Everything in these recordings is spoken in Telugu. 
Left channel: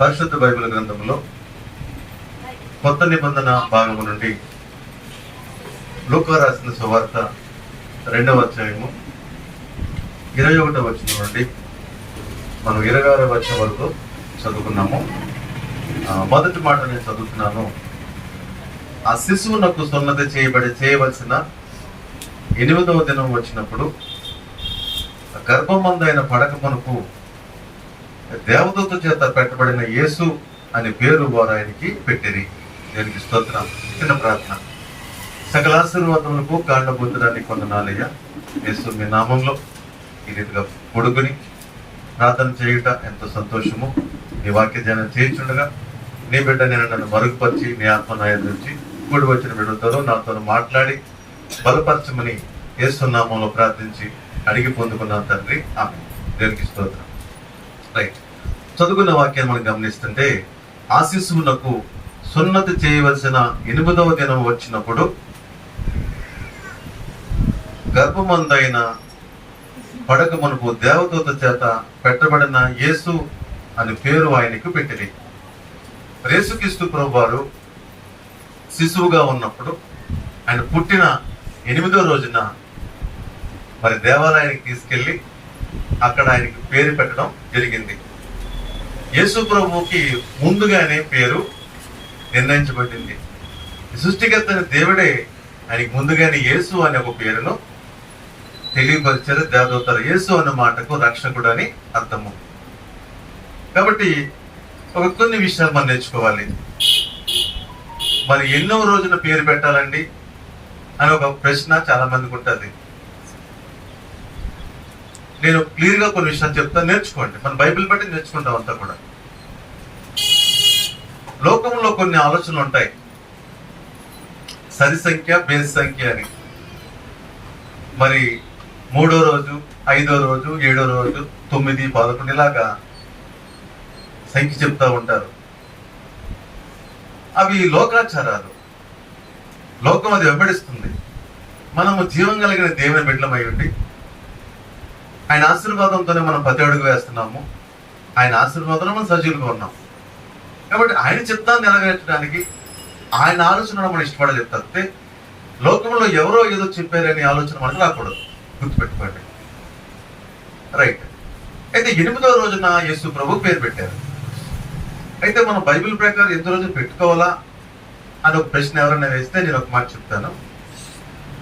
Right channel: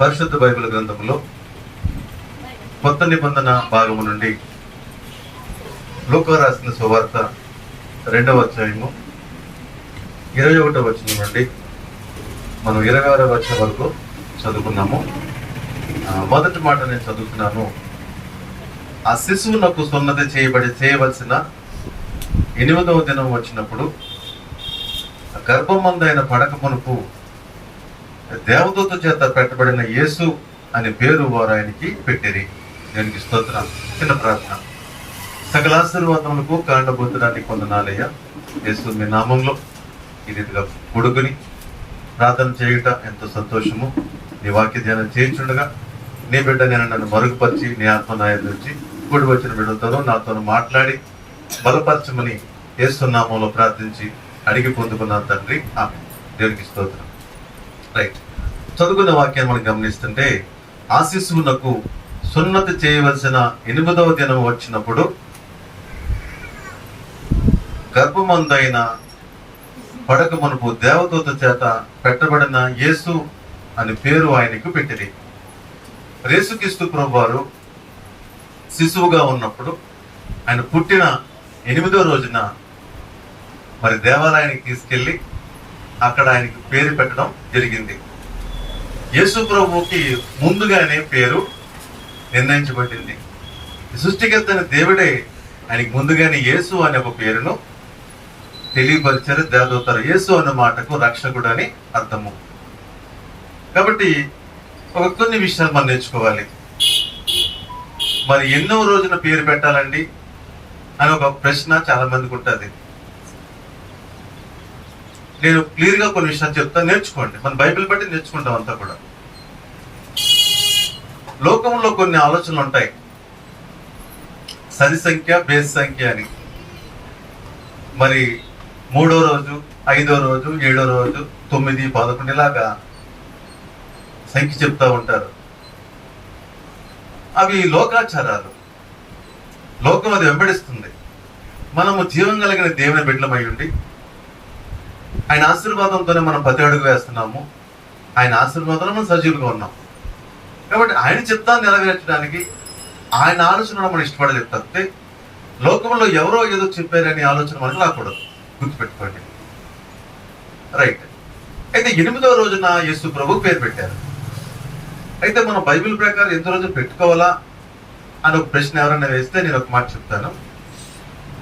పరిశుద్ధ బైబిల్ గ్రంథంలో కొత్త నిబంధన భాగము నుండి లూకా రాసిన సువార్త 2వ అధ్యాయము 21వ వచనం నుండి మనం 26వ వచనం వరకు చదువుకున్నాము. మొదటి మాట నేను చదువుతున్నాను. ఆ శిశువునకు సున్నతి చేయవలసిన 8వ దినం వచ్చినప్పుడు గర్భమందైన పడక మునుపు దేవదూత చేత పెట్టబడిన యేసు అనే పేరు వారు ఆయనకి పెట్టిరి. దానికి స్తోత్రం. చిన్న ప్రార్థన. సకల ఆశీర్వాదములకు కాండబోతుడానికి వందనాలయ్యా. యేసు మీ నామంలో ఈ రీతిగా కొడుకుని ప్రార్థన చేయుట ఎంతో సంతోషము. నీ వాక్య ధ్యానం చేయించుండగా నీ బిడ్డ నేను నన్ను మరుగుపరిచి నీ ఆత్మ నాయం నుంచి కూడి వచ్చిన బిడ్డలతో నాతో మాట్లాడి బలపరచమని యేసు నామంలో ప్రార్థించి అడిగి పొందుకున్నాను తండ్రి. దేవునికి స్తోత్రం. రైట్, చదువుకున్న వాక్యాన్ని మనం గమనిస్తుంటే, ఆ శిశువునకు సున్నతి చేయవలసిన 8వ దినం వచ్చినప్పుడు గర్భమందైన పడక మునుపు దేవదూత చేత పెట్టబడిన యేసు అని పేరు ఆయనకు పెట్టింది. యేసుక్రీస్తు ప్రభువారు శిశువుగా ఉన్నప్పుడు ఆయన పుట్టిన 8వ రోజున మరి దేవాలయానికి తీసుకెళ్లి అక్కడ ఆయనకి పేరు పెట్టడం జరిగింది. యేసు ప్రభువుకి ముందుగానే పేరు నిర్ణయించబడింది. సృష్టికర్త అయిన దేవుడే ఆయనకి ముందుగానే యేసు అనే ఒక పేరును తెలియపరిచారు. దేవదూతలు యేసు అన్న మాటకు రక్షకుడు అని అర్థము. కాబట్టి కొన్ని విషయాలు మనం నేర్చుకోవాలి. మరి ఎన్నో రోజున పేరు పెట్టాలండి అని ఒక ప్రశ్న చాలా మందికి ఉంటుంది. నేను క్లియర్ గా కొన్ని విషయాలు చెప్తాను, నేర్చుకోండి. మన బైబిల్ బట్టి నేర్చుకుంటాం అంతా కూడా. లోకంలో కొన్ని ఆలోచనలు ఉంటాయి, సరి సంఖ్య బేస్ సంఖ్య అని. మరి 3వ రోజు, 5వ రోజు, 7వ రోజు, 9, 11 ఇలాగా సంఖ్య చెప్తా ఉంటారు. అవి లోకాచారాలు. లోకం అది వెంబడిస్తుంది. మనము జీవం కలిగిన దేవుని బిడ్డలమై ఉండి ఆయన ఆశీర్వాదంతోనే మనం 10 అడుగు వేస్తున్నాము. ఆయన ఆశీర్వాదంలో మనం సజీవులుగా ఉన్నాం. కాబట్టి ఆయన చిత్తాన్ని నెరవేర్చడానికి ఆయన ఆలోచన మనం ఇష్టపడే చెప్తే, లోకంలో ఎవరో ఏదో చెప్పారని ఆలోచన మనకు రాకూడదు. గుర్తుపెట్టుకోండి. రైట్. అయితే 8వ రోజున యేసు ప్రభు పేరు పెట్టారు. అయితే మనం బైబిల్ ప్రకారం ఎంత రోజు పెట్టుకోవాలా అని ఒక ప్రశ్న ఎవరైనా వేస్తే నేను ఒక మాట చెప్తాను.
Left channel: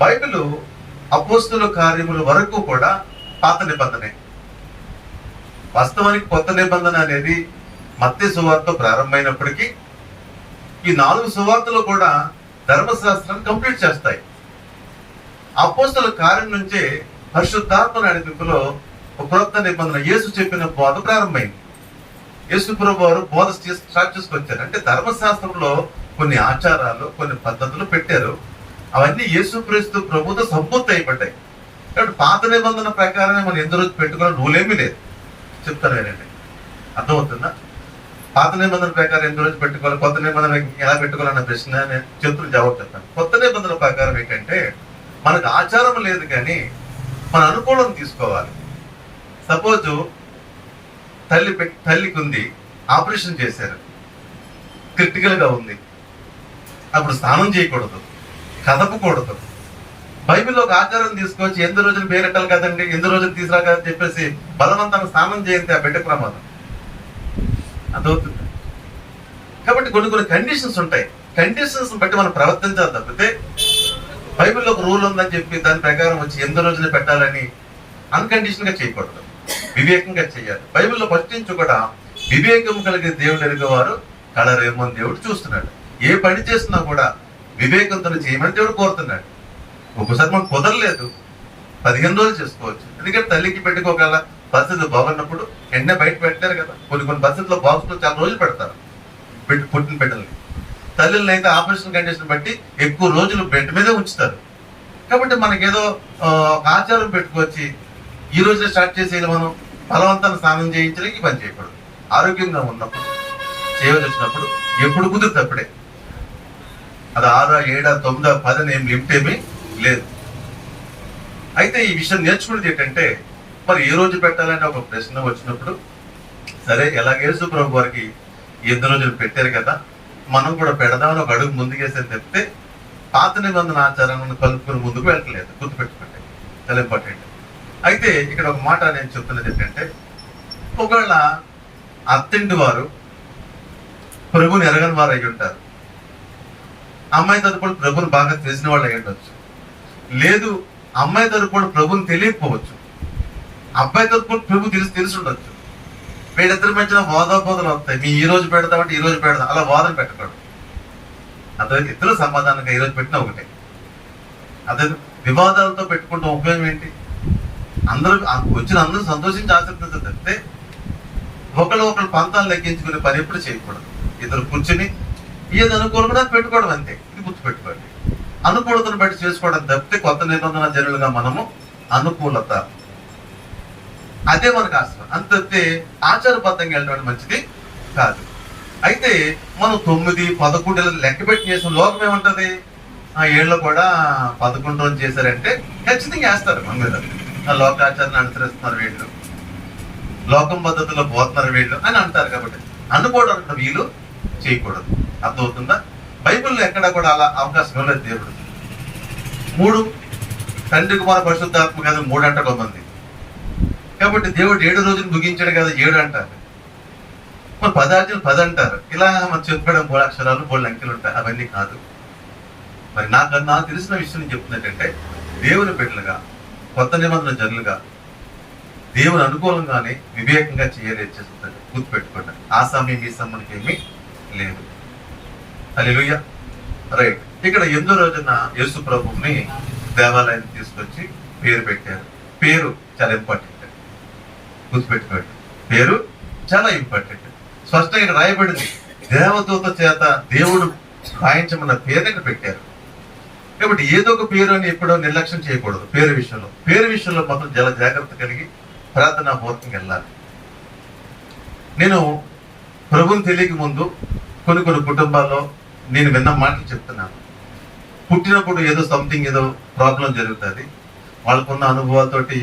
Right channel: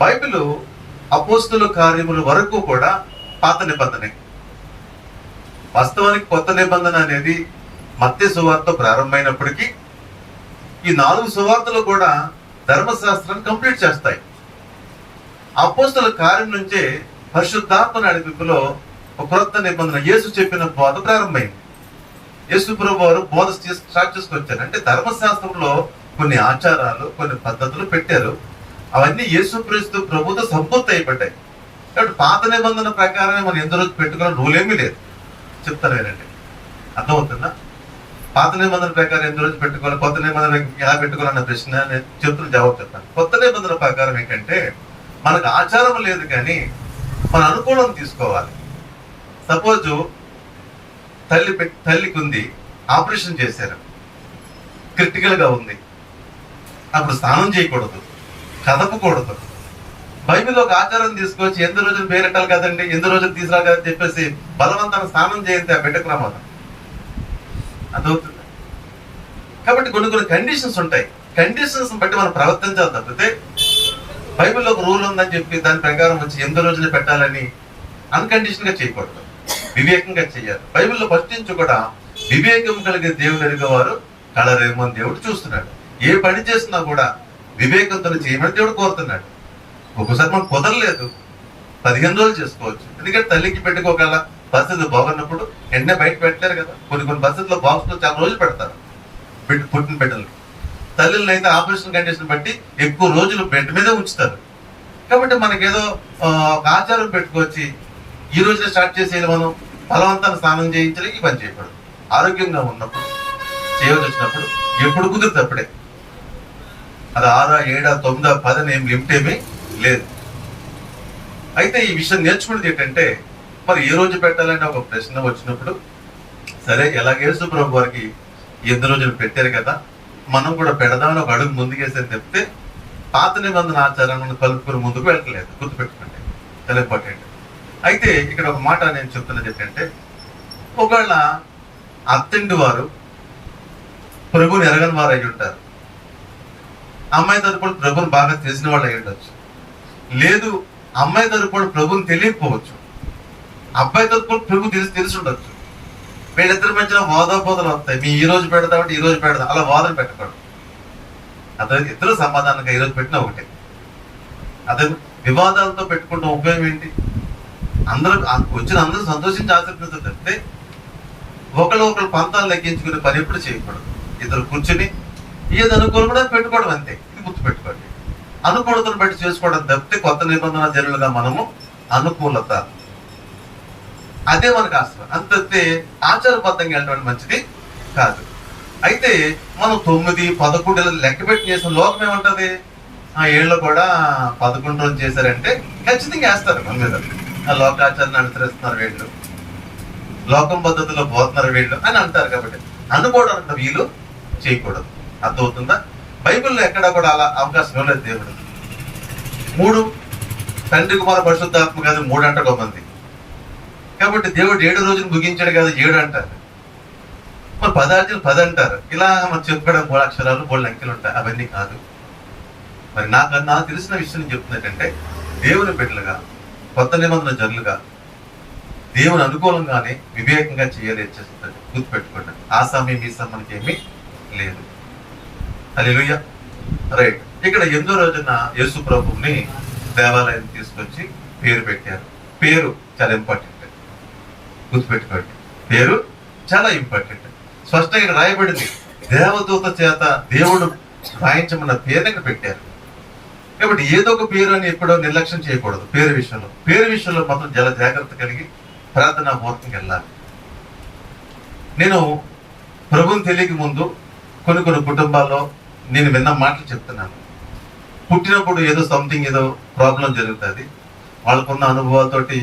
బైబిల్ అపోస్తుల కార్యముల వరకు కూడా పాత నిబంధనే. వాస్తవానికి కొత్త నిబంధన అనేది మత్తయి సువార్త ప్రారంభమైనప్పటికీ ఈ 4 సువార్తలు కూడా ధర్మశాస్త్రాన్ని కంప్లీట్ చేస్తాయి. అపోస్తుల కార్యం నుంచే పరిశుద్ధాత్మ నడిపింపులో ఒక క్రొత్త నిబంధన యేసు చెప్పిన బోధ ప్రారంభమైంది. యేసు ప్రభు వారు బోధ స్టార్ట్ చేసుకొచ్చారు. అంటే ధర్మశాస్త్రంలో కొన్ని ఆచారాలు, కొన్ని పద్ధతులు పెట్టారు. అవన్నీ యేసుక్రీస్తు ప్రభుతో సంపూర్తి అయిపోతాయి. కాబట్టి పాత నిబంధన ప్రకారమే మనం ఎంత రోజు పెట్టుకోవాలని రూల్ ఏమీ లేదు. చెప్తాను ఏంటంటే, అర్థమవుతుందా? పాత నిబంధన ప్రకారం ఎంత రోజు పెట్టుకోవాలి, కొత్త నిబంధన ఎలా పెట్టుకోవాలన్న ప్రశ్న నేను చెప్తున్న జవాబు చెప్తాను. కొత్త నిబంధన ప్రకారం ఏంటంటే, మనకు ఆచారం లేదు కానీ మన అనుకూలం తీసుకోవాలి. సపోజ్ తల్లికి ఉంది, ఆపరేషన్ చేశారు, క్రిటికల్ గా ఉంది, అప్పుడు స్నానం చేయకూడదు, కదపకూడదు. బైబిల్లో ఒక ఆచారం తీసుకొచ్చి 8 రోజులు పేరెట్టాలి కదండి, 8 రోజులు తీసుకురా కదని చెప్పేసి బలవంతంగా స్నానం చేయంతే ఆ బిడ్డకు ప్రమాదం. అదవుతుంది. కాబట్టి కొన్ని కండిషన్స్ ఉంటాయి. కండిషన్స్ బట్టి మనం ప్రవర్తించాలి తప్పితే బైబిల్లో ఒక రూల్ ఉందని చెప్పి దాని ప్రకారం వచ్చి 8 రోజులు పెట్టాలని అన్కండిషన్ గా చేయకూడదు, వివేకంగా చేయాలి. బైబిల్లో ఫస్ట్ నుంచి కూడా వివేకం కలిగే దేవుడు ఎరుగవారు కళరేమని దేవుడు చూస్తున్నాడు. ఏ పని చేస్తున్నా కూడా వివేకంతో చేయమని దేవుడు కోరుతున్నాడు. ఒక్కోసారి మనకు కుదరలేదు, 15 రోజులు చేసుకోవచ్చు. ఎందుకంటే తల్లికి పెట్టుకోగల పరిస్థితి బాగున్నప్పుడు వెంటనే బయట పెట్టారు కదా. కొన్ని పరిస్థితుల్లో బాక్స్ లో చాలా రోజులు పెడతారు పుట్టిన బిడ్డల్ని. తల్లిని అయితే ఆపరేషన్ కండిషన్ బట్టి ఎక్కువ రోజులు బెడ్ మీదే ఉంచుతారు. కాబట్టి మనకేదో ఒక ఆచారం పెట్టుకొచ్చి ఈ రోజునే స్టార్ట్ చేసేది మనం బలవంతాన్ని స్నానం చేయించడానికి పని చేయకూడదు. ఆరోగ్యంగా ఉన్నప్పుడు చేయవలసి వచ్చినప్పుడు ఎప్పుడు కుదిరితే అప్పుడే. అది 6, 7, 9, 10 ఏం లిమిట్ ఏమీ లేదు. అయితే ఈ విషయం నేర్చుకునేది ఏంటంటే, మరి ఏ రోజు పెట్టాలని ఒక ప్రశ్న వచ్చినప్పుడు, సరే ఎలాగ యేసు ప్రభు వారికి ఎన్ని రోజులు పెట్టారు కదా, మనం కూడా పెడదామని ఒక అడుగు ముందుకేసేది చెప్తే పాత నిబంధన ఆచారాలను కలుపుకుని ముందుకు వెళ్ళట్లేదు. గుర్తుపెట్టుకోండి, చాలా ఇంపార్టెంట్. అయితే ఇక్కడ ఒక మాట నేను చెప్తున్నది ఏంటంటే, ఒకవేళ అత్తింటి వారు ప్రభుని ఎరగని వారు అయి ఉంటారు, అమ్మాయి తరపున ప్రభుని బాగా తెలిసిన వాళ్ళు అయి ఉండొచ్చు. లేదు, అమ్మాయి తరపున ప్రభుని తెలియకపోవచ్చు, అబ్బాయి తరపున ప్రభు తెలిసి ఉండొచ్చు. వీళ్ళిద్దరి మధ్యన వాదోపోదలు వస్తాయి. మీ ఈ రోజు పెడతామంటే ఈ రోజు పెడదాం, అలా వాదన పెట్టకూడదు. అదే ఇద్దరు సమాధానంగా ఈ రోజు పెట్టినా ఒకటే. అదే వివాదాలతో పెట్టుకుంటే ఉపయోగం ఏంటి? అందరూ వచ్చిన అందరూ సంతోషించి ఆశీర్వదించారు తప్పితే ఒకళ్ళు పంతాలు లెక్కించుకునే పని ఎప్పుడు చేయకూడదు. ఇద్దరు కూర్చుని ఏది అనుకూలంగా పెట్టుకోవడం అంతే. ఇది గుర్తుపెట్టుకోండి. అనుకూలతను బట్టి చేసుకోవడం తప్పితే కొత్త నిబంధన జనులుగా మనము అనుకూలత అదే మనకు ఆశ్రమం అంతే. ఆచారబద్ధంగా వెళ్ళడం మంచిది కాదు. అయితే మనం 9, 11 లెక్క పెట్టి చేసిన లోకం ఏముంటది? ఆ ఏళ్ళు కూడా 11 రోజులు చేశారంటే ఖచ్చితంగా వేస్తారు మన మీద. ఆ లోకాచారాన్ని అనుసరిస్తున్నారు వీళ్ళు, లోకం పద్ధతిలో పోతున్నారు వీళ్ళు అని అంటారు. కాబట్టి అనుకోవడానికి వీలు చేయకూడదు. అర్థమవుతుందా? బైబిల్లో ఎక్కడా కూడా అలా అవకాశం ఇవ్వలేదు దేవుడు. 3 తండ్రి కుమార పరిశుద్ధాత్మ కదా 3 అంటారు కొంతమంది. కాబట్టి దేవుడు 7 రోజులు ముగించాడు కదా 7 అంటారు. మరి 10 10 అంటారు. ఇలా మనం చెప్పుకోవడం 3 అక్షరాలు 3 అంకెలు ఉంటాయి. అవన్నీ కాదు. మరి నాకు తెలిసిన విషయం చెప్తున్నట్టంటే, దేవుని బిడ్డలుగా కొత్త నిబంధన జనులుగా దేవుని అనుకూలంగానే వివేకంగా చేయాలి చేస్తుంది. గుర్తుపెట్టుకోండి. ఆ సమయం ఈ సమయానికి ఏమీ లేదు. హల్లెలూయా. రైట్. ఇక్కడ 8వ రోజున యేసు ప్రభువుని దేవాలయాన్ని తీసుకొచ్చి పేరు పెట్టారు. పేరు చాలా ఇంపార్టెంట్. గుర్తుపెట్టుకోండి, పేరు చాలా ఇంపార్టెంట్. స్పష్టంగా రాయబడింది. దేవదూత చేత దేవుడు రాయించమన్న పేరు ఇక్కడ పెట్టారు. కాబట్టి ఏదో ఒక పేరు అని ఎప్పుడో నిర్లక్ష్యం చేయకూడదు. పేరు విషయంలో మాత్రం చాలా జాగ్రత్త కలిగి ప్రార్థనాపూర్వకంగా వెళ్ళాలి. నేను ప్రభుని తెలియక ముందు కొన్ని కుటుంబాల్లో నేను విన్న మాటలు చెప్తున్నాను. పుట్టినప్పుడు ఏదో సంథింగ్ ఏదో ప్రాబ్లం జరుగుతుంది. వాళ్ళకున్న అనుభవాలతోటి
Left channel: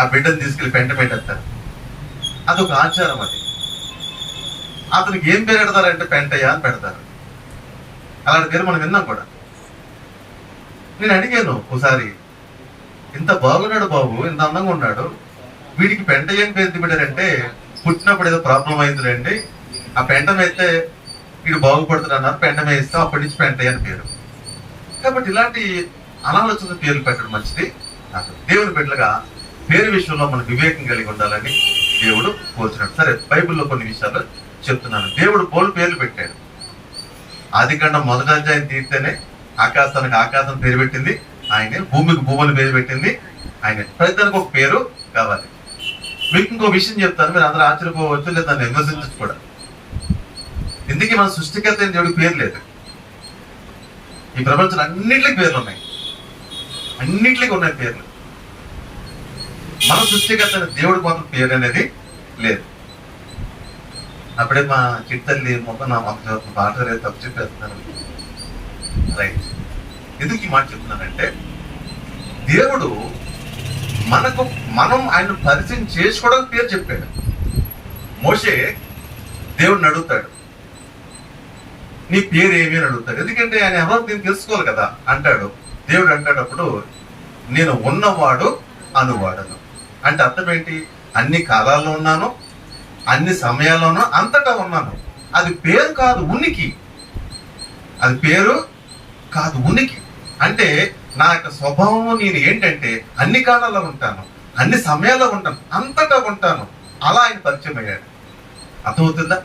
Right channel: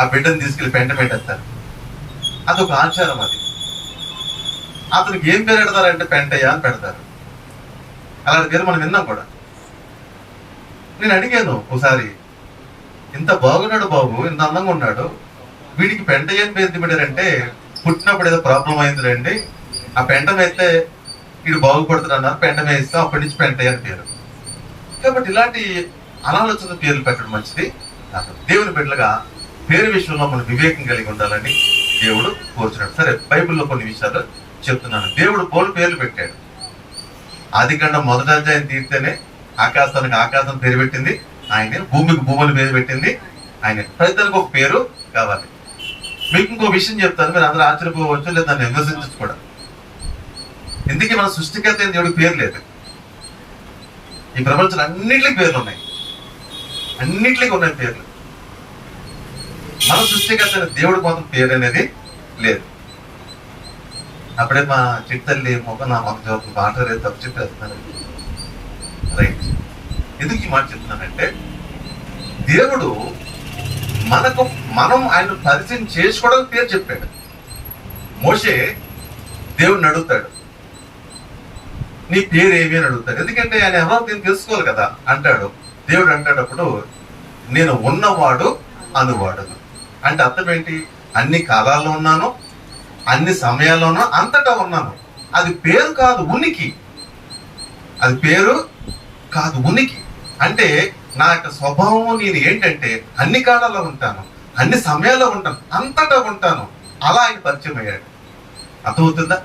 ఆ బిడ్డను తీసుకెళ్లి పెంట పెట్టేస్తారు. అదొక ఆచారం. అది అతనికి ఏం పేరు పెడతారంటే పెంటయ్య అని పెడతారు. అలాంటి పేరు మనం విన్నాం కూడా. నేను అడిగాను ఒకసారి, ఇంత బాగున్నాడు బాబు, ఇంత అందంగా ఉన్నాడు, వీడికి పెంటయ్య అని పేరు పెట్టారంటే పుట్టినప్పుడు ఏదో ప్రాబ్లం అయిందిలేండి, ఆ పెంట వేస్తే వీడు బాగుపడుతుంది అన్నారు, పెంట వేస్తే అప్పటి నుంచి పెంటయ్య అని పేరు. కాబట్టి ఇలాంటి అనాలోచన పేర్లు పెట్టడం మంచిది. దేవుని బిడ్డలుగా పేరు విషయంలో మనం వివేకం కలిగి ఉండాలని దేవుడు కోరుచున్నాడు. సరే, బైబిల్లో కొన్ని విషయాలు చెప్తున్నాను. దేవుడు పోలు పేర్లు పెట్టాడు. ఆదికాండం 1వ అధ్యాయం తీరితేనే ఆకాశానికి ఆకాశం పేరు పెట్టింది ఆయనే, భూమికి భూములు పేరు పెట్టింది ఆయనే. ప్రతిదానికి ఒక పేరు కావాలి. మీకు ఇంకో విషయం చెప్తాను, మీరు అందరూ ఆశ్చర్యపోవచ్చు, లేదా దాన్ని విమర్శించచ్చు కూడా. ఎందుకు మన సృష్టికర్త అయిన దేవుడికి పేరు లేదు. ఈ ప్రపంచంలో అన్నింటికి పేర్లు ఉన్నాయి, అన్నింటికి ఉన్నాయి పేర్లు. మన సృష్టికర్త అయిన దేవుడికి మాత్రం పేరు అనేది లేదు. అప్పుడే మా చిట్టల్లి నా మాట రేపు తప్పు చెప్పేస్తున్నాను. రైట్. ఎందుకు ఈ మాట చెప్తున్నానంటే, దేవుడు మనం ఆయన పరిచయం చేసుకోవడానికి పేరు చెప్పాడు. మోషే దేవుడిని అడుగుతాడు, నీ పేరు ఏమి అని అడుగుతాడు. ఎందుకంటే ఆయన ఎవరో దీన్ని తెలుసుకోవాలి కదా అంటాడు. దేవుడు అంటాడు అప్పుడు, నేను ఉన్నవాడు అనువాడను. అంటే అర్థం ఏంటి? అన్ని కాలాల్లో ఉన్నాను, అన్ని సమయాల్లోనూ అంతటా ఉన్నాను. అది పేరు కాదు, ఉనికి. అది పేరు కాదు, ఉనికి. అంటే నా యొక్క స్వభావం నేను ఏంటంటే అన్ని కాలాల్లో ఉంటాను, అన్ని సమయాల్లో ఉంటాను, అంతటా ఉంటాను. అలా ఆయన పరిచయం అయ్యాడు. అర్థమవుతుందా?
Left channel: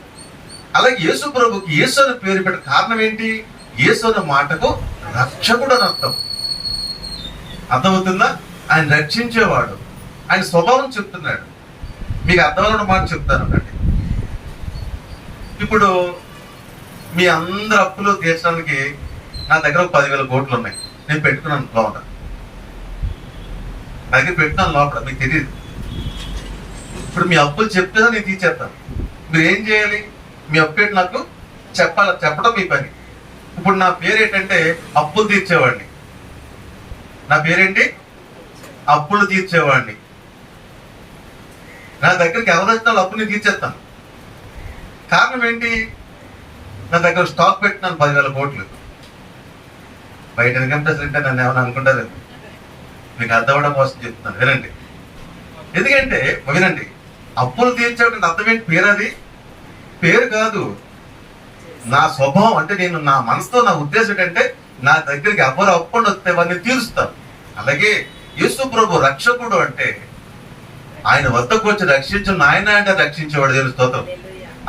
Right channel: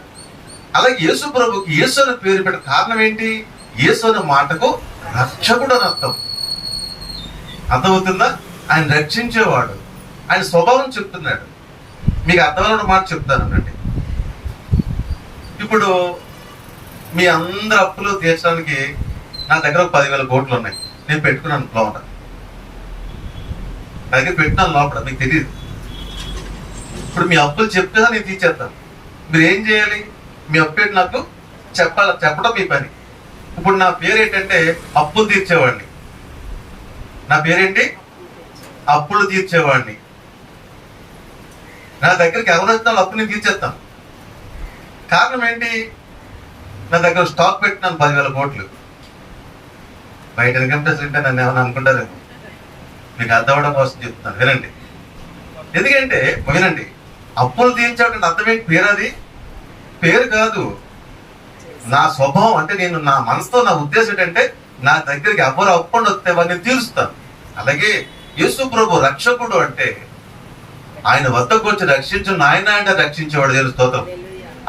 అలాగే యేసు ప్రభుకి యేసు అని పేరు పెట్టిన కారణం ఏంటి? యేసు అనే మాటకు రక్షకుడు అని అర్థం. అర్థమవుతుందా? ఆయన రక్షించేవాడు. ఆయన స్వభావం చెప్తున్నాడు. మీకు అర్థమైన మాట చెప్తానండి. ఇప్పుడు మీ అందరి అప్పులు తీర్చడానికి నా దగ్గర 10,000 కోట్లు ఉన్నాయి. నేను పెట్టుకున్నాను లోపల, నా దగ్గర పెట్టినాను లోపల, మీకు తెలియదు. ఇప్పుడు మీ అప్పులు చెప్తే నేను తీర్చేస్తాను. మీరు ఏం చేయాలి? మీ అప్పు ఏంటి నాకు చెప్పడం మీ పని. ఇప్పుడు నా పేరు ఏంటంటే అప్పులు తీర్చేవాడిని. నా పేరేంటి? అప్పులు తీర్చేవాడిని. నా దగ్గరికి ఎవరు వచ్చినా అప్పు నేను తీర్చేస్తాను. కారణం ఏంటి? నా దగ్గర స్టాక్ పెట్టినాను 10,000 కోట్లు. బయట ఇన్కమ్ ట్యాక్స్ అంటే నన్ను ఏమైనా అనుకుంటారేమో. మీకు అర్థమవడం కోసం చెప్తున్నాను, వినండి. ఎందుకంటే వినండి, అప్పులు తీర్చేటువంటి అర్థం ఏంటి? పేరు. అది పేరు కాదు, నా స్వభావం. అంటే నేను నా మనసుతో నా ఉద్దేశం ఏంటంటే నా దగ్గరికి ఎవరు అప్పులు వస్తే వారిని తీరుస్తాను. అలాగే యేసు ప్రభు రక్షకుడు అంటే ఆయన వద్దకు వచ్చి రక్షించు నాయన అంటే రక్షించేవాడు, దేవుని స్తోత్రం.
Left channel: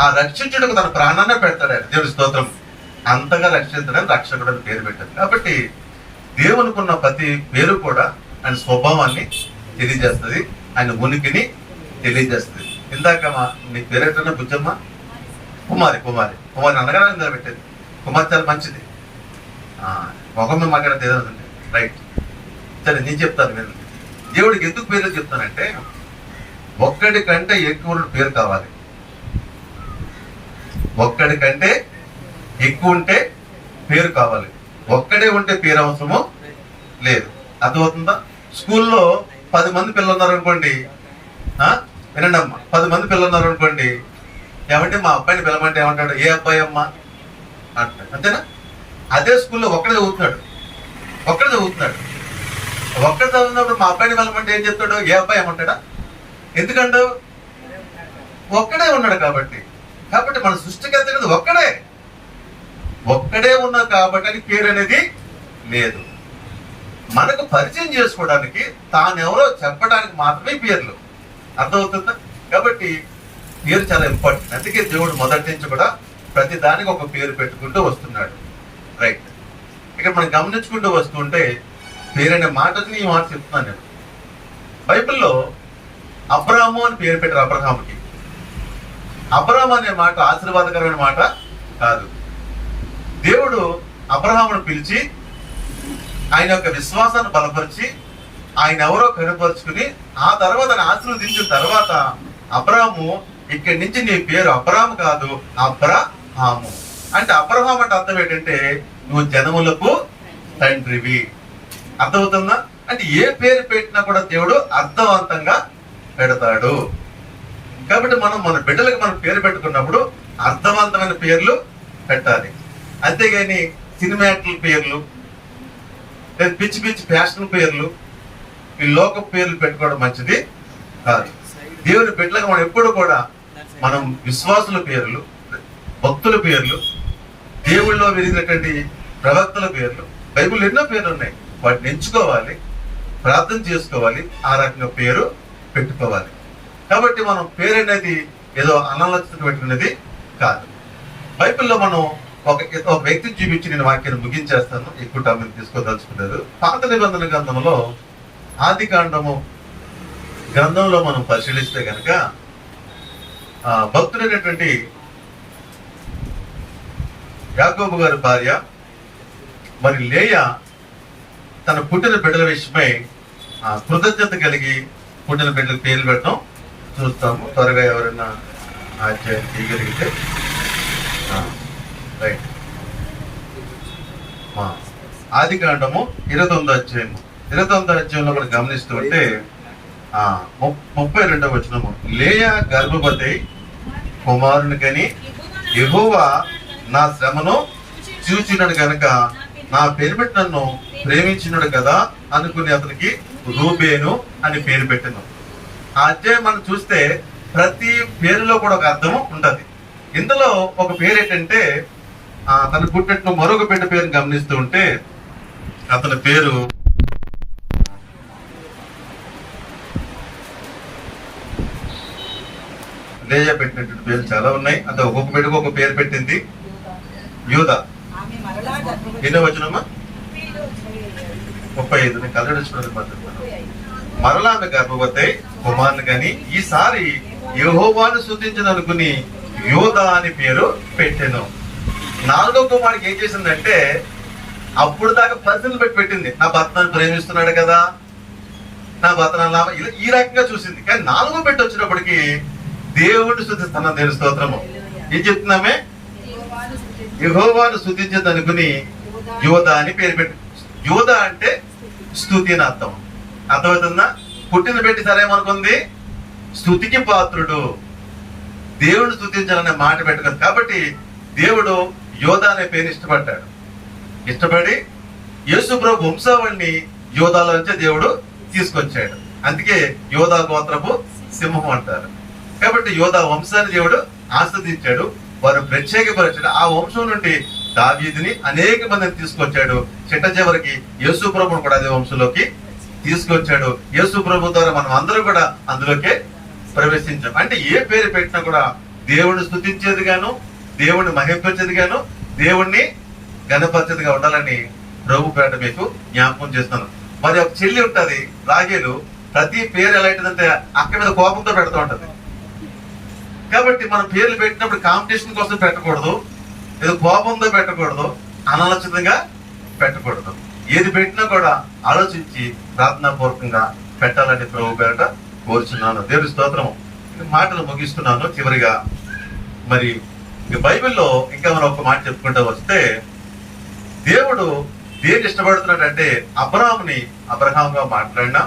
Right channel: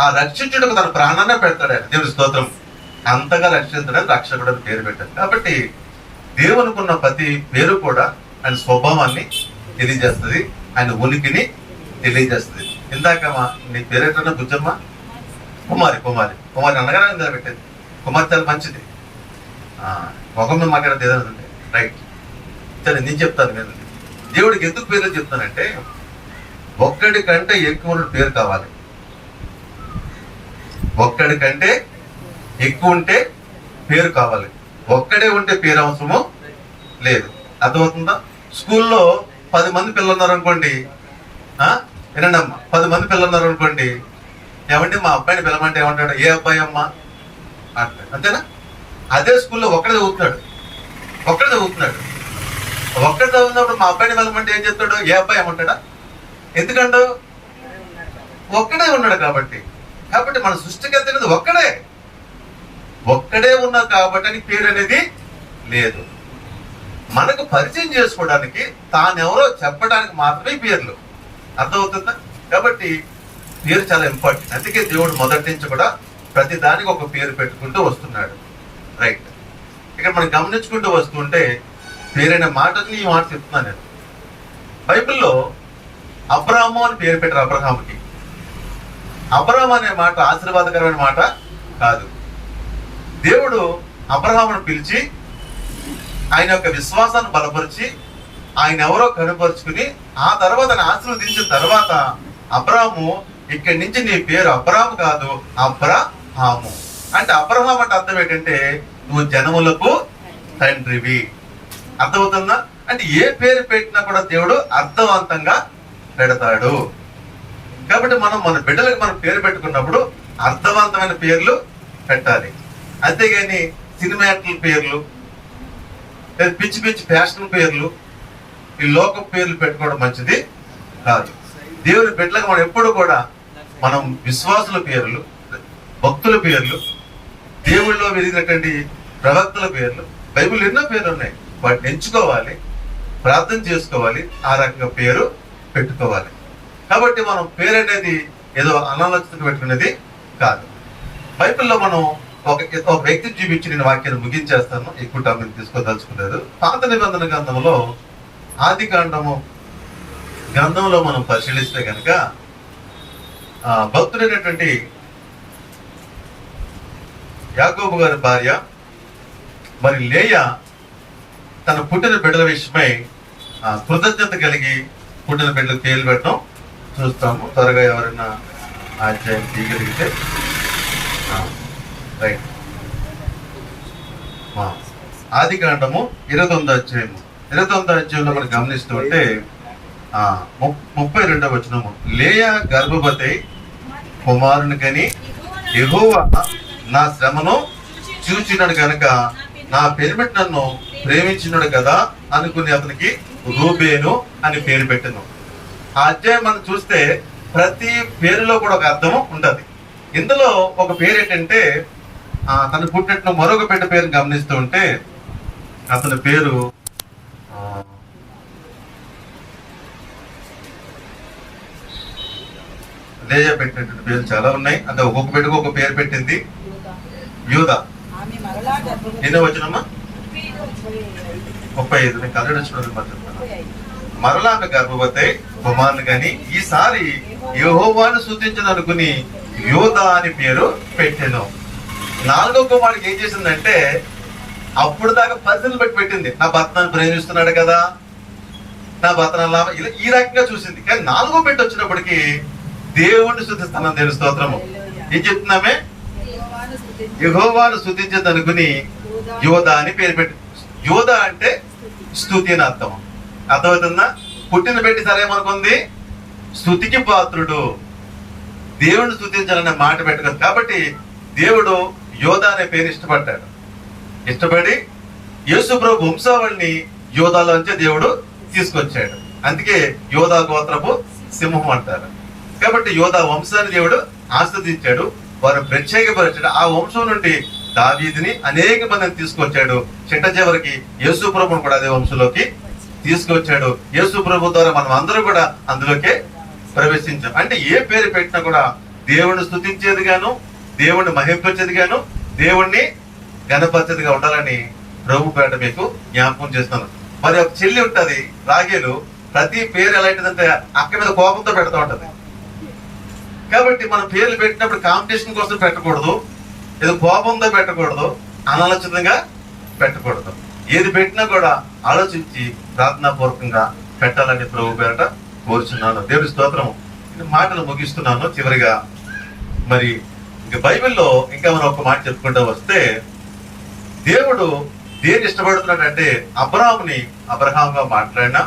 ఆ రక్షించుటకు తన ప్రాణాన్ని పెడతాడు ఆయన, దేవుని స్తోత్రం. అంతగా రక్షించడానికి రక్షకుడు అని పేరు పెట్టాడు. కాబట్టి దేవునికి ఉన్న ప్రతి పేరు కూడా ఆయన స్వభావాన్ని తెలియజేస్తుంది, ఆయన ఉనికిని తెలియజేస్తుంది. ఇందాక నీ పేరేటన్నా బుజ్జమ్మ, కుమారి కుమారి కుమారి అనగానే పెట్టేది. కుమారి చాలా మంచిది, మొగం మీద మాట్లాడేది ఏదంటే రైట్. సరే నేను చెప్తాను నేను దేవుడికి ఎందుకు పేరు చెప్తానంటే, ఒక్కడి కంటే ఎక్కువ పేరు కావాలి. ఒక్కడి కంటే ఎక్కువ ఉంటే పేరు కావాలి. ఒక్కడే ఉంటే పేరు అవసరము లేదు. అర్థమవుతుందా? స్కూల్లో 10 మంది పిల్లలు ఉన్నారు అనుకోండి, వినండి అమ్మ, 10 మంది పిల్లలు ఉన్నారు అనుకోండి, ఏమంటే మా అబ్బాయిని పిలవమంటే ఏమంటాడు? ఏ అబ్బాయి అమ్మ అంటాడు, అంతేనా? అదే స్కూల్లో ఒక్కడే చదువుతున్నాడు. ఒక్కడే చదువుతున్నప్పుడు మా అబ్బాయిని పిలవమంటే ఏం చెప్తాడు? ఏ అబ్బాయి ఏమంటాడా? ఎందుకంటూ ఒక్కడే ఉన్నాడు కాబట్టి. కాబట్టి మన సృష్టికర్త అనేది ఒక్కడే ఉన్నాడు కాబట్టి అని పేరు అనేది లేదు. మనకు పరిచయం చేసుకోవడానికి, తానెవరో చెప్పడానికి మాత్రమే పేర్లు. అర్థమవుతుందా? కాబట్టి పేరు చాలా ఇంపార్టెంట్. అందుకే దేవుడు మొదటి నుంచి కూడా ప్రతి దానికి ఒక పేరు పెట్టుకుంటూ వస్తున్నాడు. రైట్. ఇక్కడ మనం గమనించుకుంటూ వస్తుంటే పేరైన మాటని ఈ మాట చెప్తున్నాను నేను. బైబిల్లో అబ్రాహాము అని పేరు పెట్టారు. అబ్రహాముకి అబ్రహాం అనే మాట ఆశీర్వాదకరమైన మాట కాదు. దేవుడు అబ్రహామును పిలిచి ఆయన యొక్క విశ్వాసాన్ని బలపరిచి ఆయన ఎవరో కనుపరుచుకుని ఆ తర్వాత ఆశీర్వదించిన తర్వాత అబ్రహాము, ఇక్కడి నుంచి నీ పేరు అబ్రహాము కాదు, అబ్రహాము. అంటే అబ్రహాం అంటే అర్థం ఏంటంటే నువ్వు జనములకు తండ్రివి. అర్థమవుతుందా? అంటే ఏ పేరు పెట్టినా కూడా దేవుడు అర్థవంతంగా పెడతాడు. కాబట్టి మనం మన బిడ్డలకు మనం పేరు పెట్టుకున్నప్పుడు అర్థవంతమైన పేర్లు పెట్టాలి. అంతేగాని సినిమా యాక్టర్ల పేర్లు, పిచ్చి పిచ్చి ఫ్యాషన్ పేర్లు, ఈ లోక పేర్లు పెట్టుకోవడం మంచిది కాదు. దేవుని బిడ్డలకు మనం ఎప్పుడు కూడా మనం విశ్వాసుల పేర్లు, భక్తుల పేర్లు, దేవుళ్ళలో వెలిగినటువంటి ప్రవక్తల పేర్లు, బైబిల్ ఎన్నో పేర్లు ఉన్నాయి, వాటిని ఎంచుకోవాలి, ప్రార్థన చేసుకోవాలి, ఆ రకంగా పేరు పెట్టుకోవాలి. కాబట్టి మనం పేరు అనేది ఏదో అనాలోచిత పెట్టుకునేది కాదు. బైబిల్లో మనం ఒక వ్యక్తిని చూపించి నేను వాక్యాన్ని ముగించేస్తాను, ఎక్కువ టైం తీసుకోదలుచుకోలేదు. పాత నిబంధన గ్రంథంలో ఆదికాండము గ్రంథంలో మనం పరిశీలిస్తే కనుక భక్తుడైనటువంటి యాకోబు గారి భార్య మరి లేయా తన పుట్టిన బిడ్డల విషయమై కృతజ్ఞత కలిగి పుట్టిన బిడ్డలకు పేర్లు పెట్టడం చూస్తాము. త్వరగా ఎవరైనా అధ్యాయం తీయగలిగితే రైట్. ఆదికాండము 29వ అధ్యాయము 29వ అధ్యాయంలో మనం గమనిస్తూ ఉంటే 32వ వచనము, లేయా గర్భవతి కుమారుని కని యెహోవా నా శ్రమను చూచినాడు కనుక నా పేరు పెట్టి నన్ను ప్రేమించినాడు కదా అనుకుని అతనికి రూబేను అని పేరు పెట్టాను. ఆ అధ్యాయం మనం చూస్తే ప్రతి పేరులో కూడా ఒక అర్థం ఉంటది. ఇందులో ఒక పేరు ఏంటంటే తన పుట్టిన మరొక బిడ్డ పేరుని గమనిస్తూ ఉంటే అతని పేరు లేయా పెట్టినటువంటి పేరు చాలా ఉన్నాయి. అంటే ఒక్కొక్క బిడ్డకు ఒక పేరు పెట్టింది. యూదా. ఎన్నో వచ్చినమ్మా? 35. నేను కలర్ చూడలేదు. మరలా ఆమె గర్భవతి కుమారుని కానీ ఈసారి యెహోవాను స్తుతించను అనుకుని యూదా అని పేరు పెట్టాను. 4వ కుమారుడికి ఏం చేసిందంటే అప్పుడు దాకా పరిస్థితులు పెట్టింది. నా భర్తను ప్రేమిస్తున్నాడు కదా, నా భర్తను ఈ రకంగా చూసింది. కానీ 4వ బిడ్డ వచ్చినప్పటికీ దేవుణ్ణి స్తుతిస్తున్నా. దేవుని స్తోత్రము. ఏం చెప్తున్నామే? యెహోవాను స్తుతించదు అనుకుని యూదా అని పేరు పెట్టి. యూదా అంటే స్తుతి అని అర్థం. అర్థమవుతుందా? పుట్టిన పెట్టి సరేమనుకుంది స్తుతికి పాత్రుడు. దేవుడిని స్తుతించాలనే మాట పెట్టుకోదు. కాబట్టి దేవుడు యోధా అనే పేరు ఇష్టపడి యేసు ప్రభు వంశావళిని యోధాలోంచి దేవుడు తీసుకొచ్చాడు. అందుకే యోధా గోత్రపు సింహం అంటారు. కాబట్టి యోధా వంశాన్ని దేవుడు ఆస్వాదించాడు, వారు ప్రత్యేకపరిచాడు. ఆ వంశం నుండి దావీదుని అనేక మందిని తీసుకొచ్చాడు. చిట్ట చివరికి యేసు ప్రభుని కూడా అదే వంశంలోకి తీసుకొచ్చాడు. యేసు ప్రభు ద్వారా మనం అందరూ కూడా అందులోకే ప్రవేశించాం. అంటే ఏ పేరు పెట్టినా కూడా దేవుణ్ణి స్తుతించేది గాను, దేవుణ్ణి మహింపరిచేది గాను, దేవుణ్ణి గణపరిచేదిగా ఉండాలని ప్రభు పేట మీకు జ్ఞాపకం చేస్తున్నాను. మరి ఒక చెల్లి ఉంటది రాగేలు, ప్రతి పేరు ఎలా ఉంటుందంటే అక్క మీద కోపంతో పెడతా ఉంటది. కాబట్టి మనం పేర్లు పెట్టినప్పుడు కాంపిటీషన్ కోసం పెట్టకూడదు, ఏదో కోపంతో పెట్టకూడదు, అనాలోచితంగా పెట్టకూడదు. ఏది పెట్టినా కూడా ఆలోచించి ప్రార్థనాపూర్వకంగా పెట్టాలని ప్రభు పేరట కోరుచున్నాను. దేవుడి స్తోత్రం. మాటలు ముగిస్తున్నాను. చివరిగా మరి బైబిల్లో ఇంకా మనం ఒక మాట చెప్పుకుంటూ వస్తే, దేవుడు దేని ఇష్టపడుతున్నాడంటే అబ్రహాంగా మాట్లాడినా,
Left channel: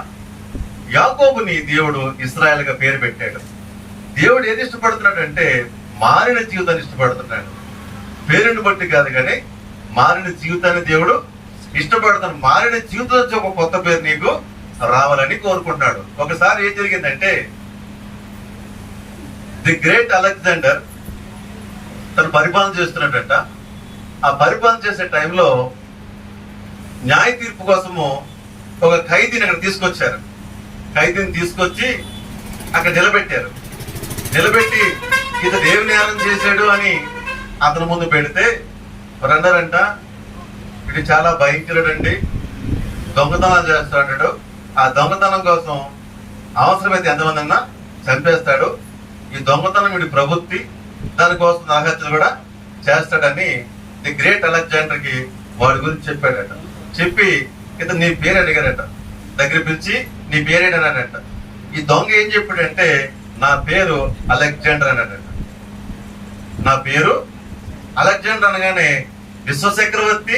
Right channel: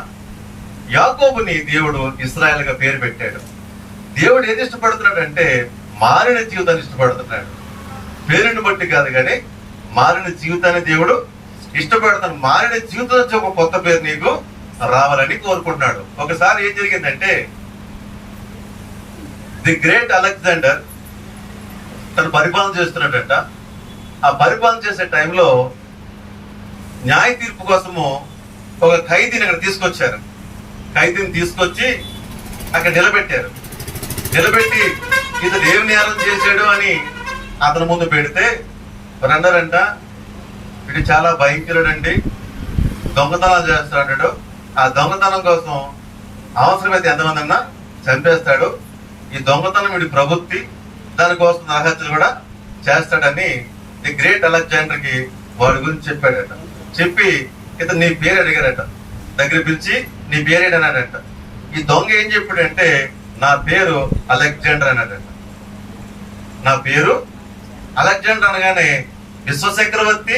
యాకోబుని దేవుడు ఇశ్రాయేల్ గా పేరు పెట్టాడు. దేవుడు ఏది ఇష్టపడుతున్నాడంటే మారిన జీవితాన్ని ఇష్టపడుతున్నాడు. పేరుని బట్టి కాదు కానీ మారిన జీవితాన్ని దేవుడు ఇష్టపడుతున్నాడు. మారిన జీవితం నుంచి ఒక కొత్త పేరు నీకు రావాలని కోరుకుంటున్నాడు. ఒకసారి ఏం జరిగిందంటే, ది గ్రేట్ అలెగ్జాండర్ తను పరిపాలన చేస్తున్నాడంట. ఆ పరిపాలన చేసే టైంలో న్యాయ తీర్పు కోసము ఒక ఖైదీని అక్కడ తీసుకొచ్చారు. ఖైదీని తీసుకొచ్చి అక్కడ నిలబెట్టి ఇతను ఏమి నేరం చేశాడు అని అతని ముందు పెడితే అన్నారంట, ఇటు చాలా భయంకరుడండి, దొంగతనం చేస్తాడు. ఆ దొంగతనం కోసం అవసరమైతే ఎంతమంది అన్నా చంపేస్తాడు. ఈ దొంగతనం వీడి ప్రవృత్తి, దానికోసం నరహత్యలు కూడా చేస్తాడని ది గ్రేట్ అలెగ్జాండర్ కి వాడి గురించి చెప్పాడట. చెప్పి ఇతను నీ పేరు అడిగాడట. దగ్గర పిలిచి నీ పేరేడన్నాడట. ఈ దొంగ ఏం చెప్పాడంటే, నా పేరు అలెగ్జాండర్ అన్నాడట. నా పేరు అలెగ్జాండర్ అనగానే విశ్వచక్రవర్తి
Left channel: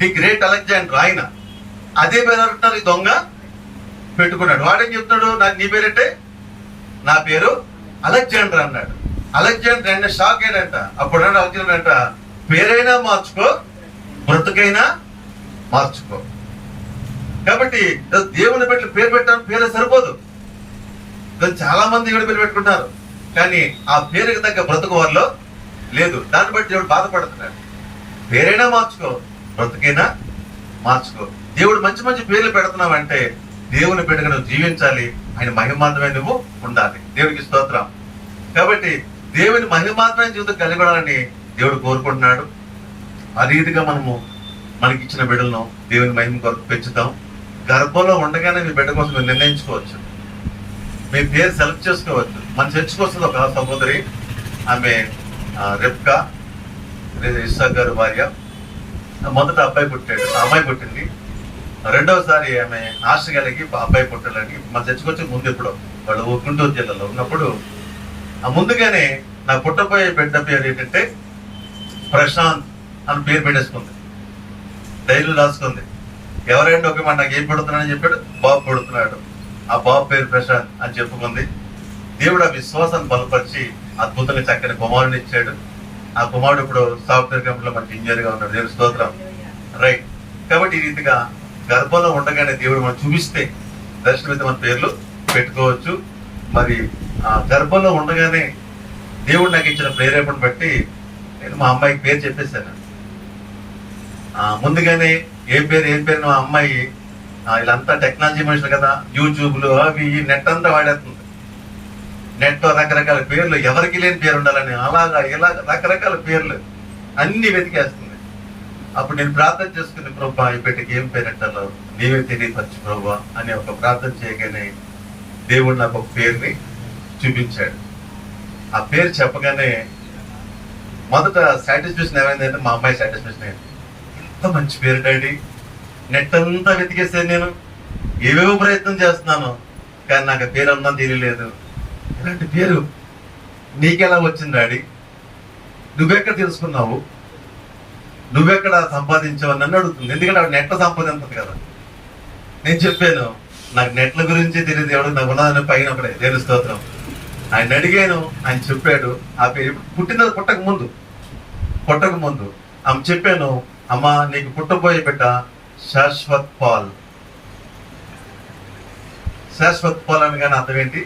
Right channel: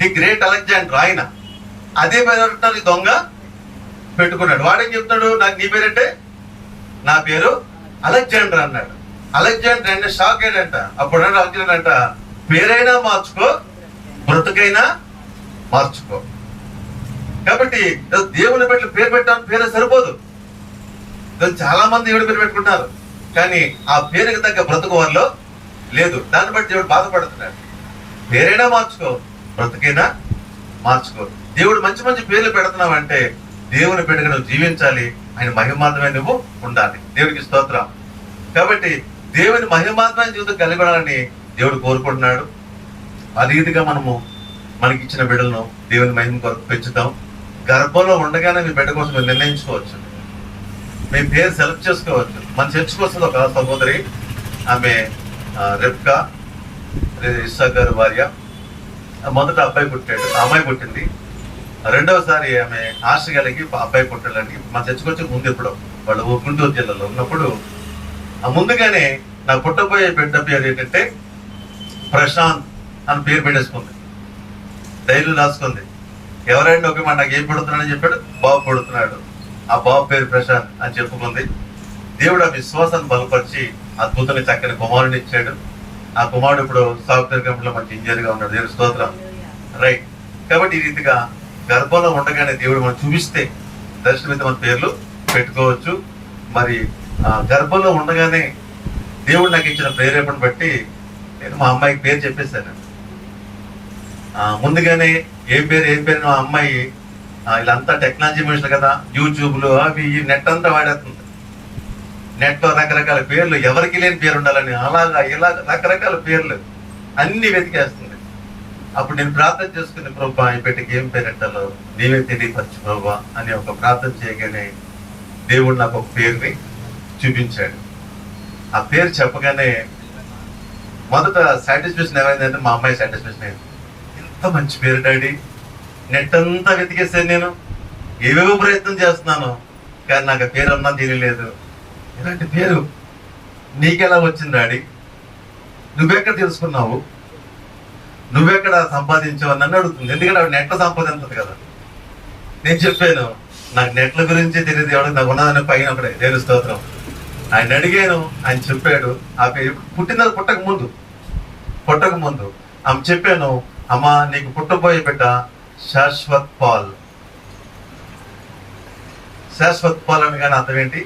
ది గ్రేట్ అలెగ్జాండర్ ఆయన అదే పేరు అంటున్నారు. ఈ దొంగ పెట్టుకున్నాడు. వాడేం చెప్తున్నాడు, నాకు నీ పేరంటే నా పేరు అలెగ్జాండర్ అన్నాడు. అలెగ్జాండర్ అంటే షాక్ అయ్యాడంట. అప్పుడు అలెగ్జాండర్ అంట, పేరైనా మార్చుకో, బ్రతుకైనా మార్చుకో. కాబట్టి దేవుని పెట్టి పేరు పెట్టాను, పేరు సరిపోదు. చాలా మంది దేవుడి పేరు పెట్టుకుంటారు, కానీ ఆ పేరుకి తగ్గ బ్రతుకు వారిలో లేదు. దాన్ని బట్టి దేవుడు బాధపడుతున్నాడు. పేరైనా మార్చుకో, బ్రతుకైనా మార్చుకో. దేవుడు మంచి మంచి పేర్లు పెడుతున్నావంటే దేవుని పెట్టుకు నువ్వు జీవించాలి, ఆయన మహిమార్థమే నువ్వు ఉండాలి. దేవుడికి స్తోత్రం. కాబట్టి దేవుని మహిమార్థమైన జీవితం కలిగి ఉండాలని దేవుడు కోరుకుంటున్నాడు. ఆ రీతిగా మనము మనకిచ్చిన బిడ్డలను దేవుని మహిమ కొరకు పెంచుతాం. గర్భంలో ఉండగానే మీ బిడ్డ కోసం మీరు నిర్ణయించుకోవచ్చు, మీ పేరు సెలెక్ట్ చేసుకోవచ్చు. మన చర్చకు వస్తుంది ఒక సహోదరి, ఆమె రెబ్కా, ఇస్సాక్ గారు భార్య. మొదట అబ్బాయి పుట్టాడు, ఆ అమ్మాయి పుట్టింది. రెండవసారి ఆమె ఆశ కలిగి అబ్బాయి పుట్టాలని మన చర్చకు వచ్చి ముందు ఎప్పుడో వాళ్ళు గుంటూరు జిల్లాలో ఉన్నప్పుడు ముందుగానే నాకు పుట్టబోయే బిడ్డ పేరు ఏంటంటే ప్రశాంత్ అని పేరు పెట్టేసుకుంది. ధైర్యం రాసుకుంది. ఎవరైనా ఒక మాట నాకు ఏం పెడుతున్నాడని చెప్పాడు, బాబు పెడుతున్నాడు. ఆ బాబు పేరు ప్రశాంత్ అని చెప్పుకుంది. దేవుడు ఆ విశ్వాసాన్ని బలపరిచి అద్భుతంగా చక్కని కుమారుడిని ఇచ్చాడు. ఆ కుమారుడు ఇప్పుడు సాఫ్ట్వేర్ కంపెనీలో మనకి ఇంజనీర్ గా ఉన్నాడు. దేవుడు స్తోత్రం. రైట్. కాబట్టి ఈ రీతిగా గర్భంలో ఉండగానే దేవుడు మనం చూపిస్తే దర్శనమైతే మన పేర్లు పెట్టుకోవచ్చు. మరి గర్భంలో ఉండగానే దేవుడు నాకు ఇచ్చిన ప్రేరేపణ బట్టి నేను మా అమ్మాయికి పేరు చెప్పేశాను. ముందుగానే ఏం పేరు మా అమ్మాయి వీళ్ళంతా టెక్నాలజీ మనుషులు కదా, యూట్యూబ్లు అవి ఈ నెట్ అంతా వాడేస్తుంది. నెట్ రకరకాల పేర్లు, ఎవరికి లేని పేరు ఉండాలని అలాగా ఇలా రకరకాల పేర్లు అన్ని వెతికేస్తుంది. అప్పుడు నేను ప్రార్థన చేసుకుని, ప్రభా ఈ బిడ్డకి ఏం పేరు పెట్టాలో నీవే తెలియపరచు ప్రభా అని ఒక ప్రార్థన చేయగానే దేవుడు నాకు ఒక పేరుని చూపించాడు. ఆ పేరు చెప్పగానే మొదట సాటిస్ఫాక్షన్ ఏమైందంటే, మా అమ్మాయి సాటిస్ఫాక్షన్ అయింది. ఎంత మంచి పేరు డాడీ, నెట్ అంతా వెతికేసాను, నేను ఏవేవో ప్రయత్నం చేస్తున్నాను, కానీ నాకు ఆ పేరు అన్నా తెలియలేదు. ఇలాంటి పేరు నీకెలా వచ్చింది డాడీ, నువ్వెక్కడ తెలుసుకున్నావు, నువ్వెక్కడ సంపాదించావు అని నన్ను అడుగుతుంది. ఎందుకంటే ఆవిడ నెట్ల సంపాదించదు కదా. నేను చెప్పాను, నాకు నెట్ల గురించి తెలియదు, ఎవరికి నాకు ఉన్నదని పైన ఒకటే. దేవుని స్తోత్రం. ఆయన అడిగాను, ఆయన చెప్పాడు. ఆ పేరు పుట్టక ముందు ఆమె చెప్పాను, అమ్మా నీకు పుట్టబోయే బిడ్డ శాశ్వత్ పాల్. శాశ్వత్ పాల్ అనగానే అర్థం ఏంటి?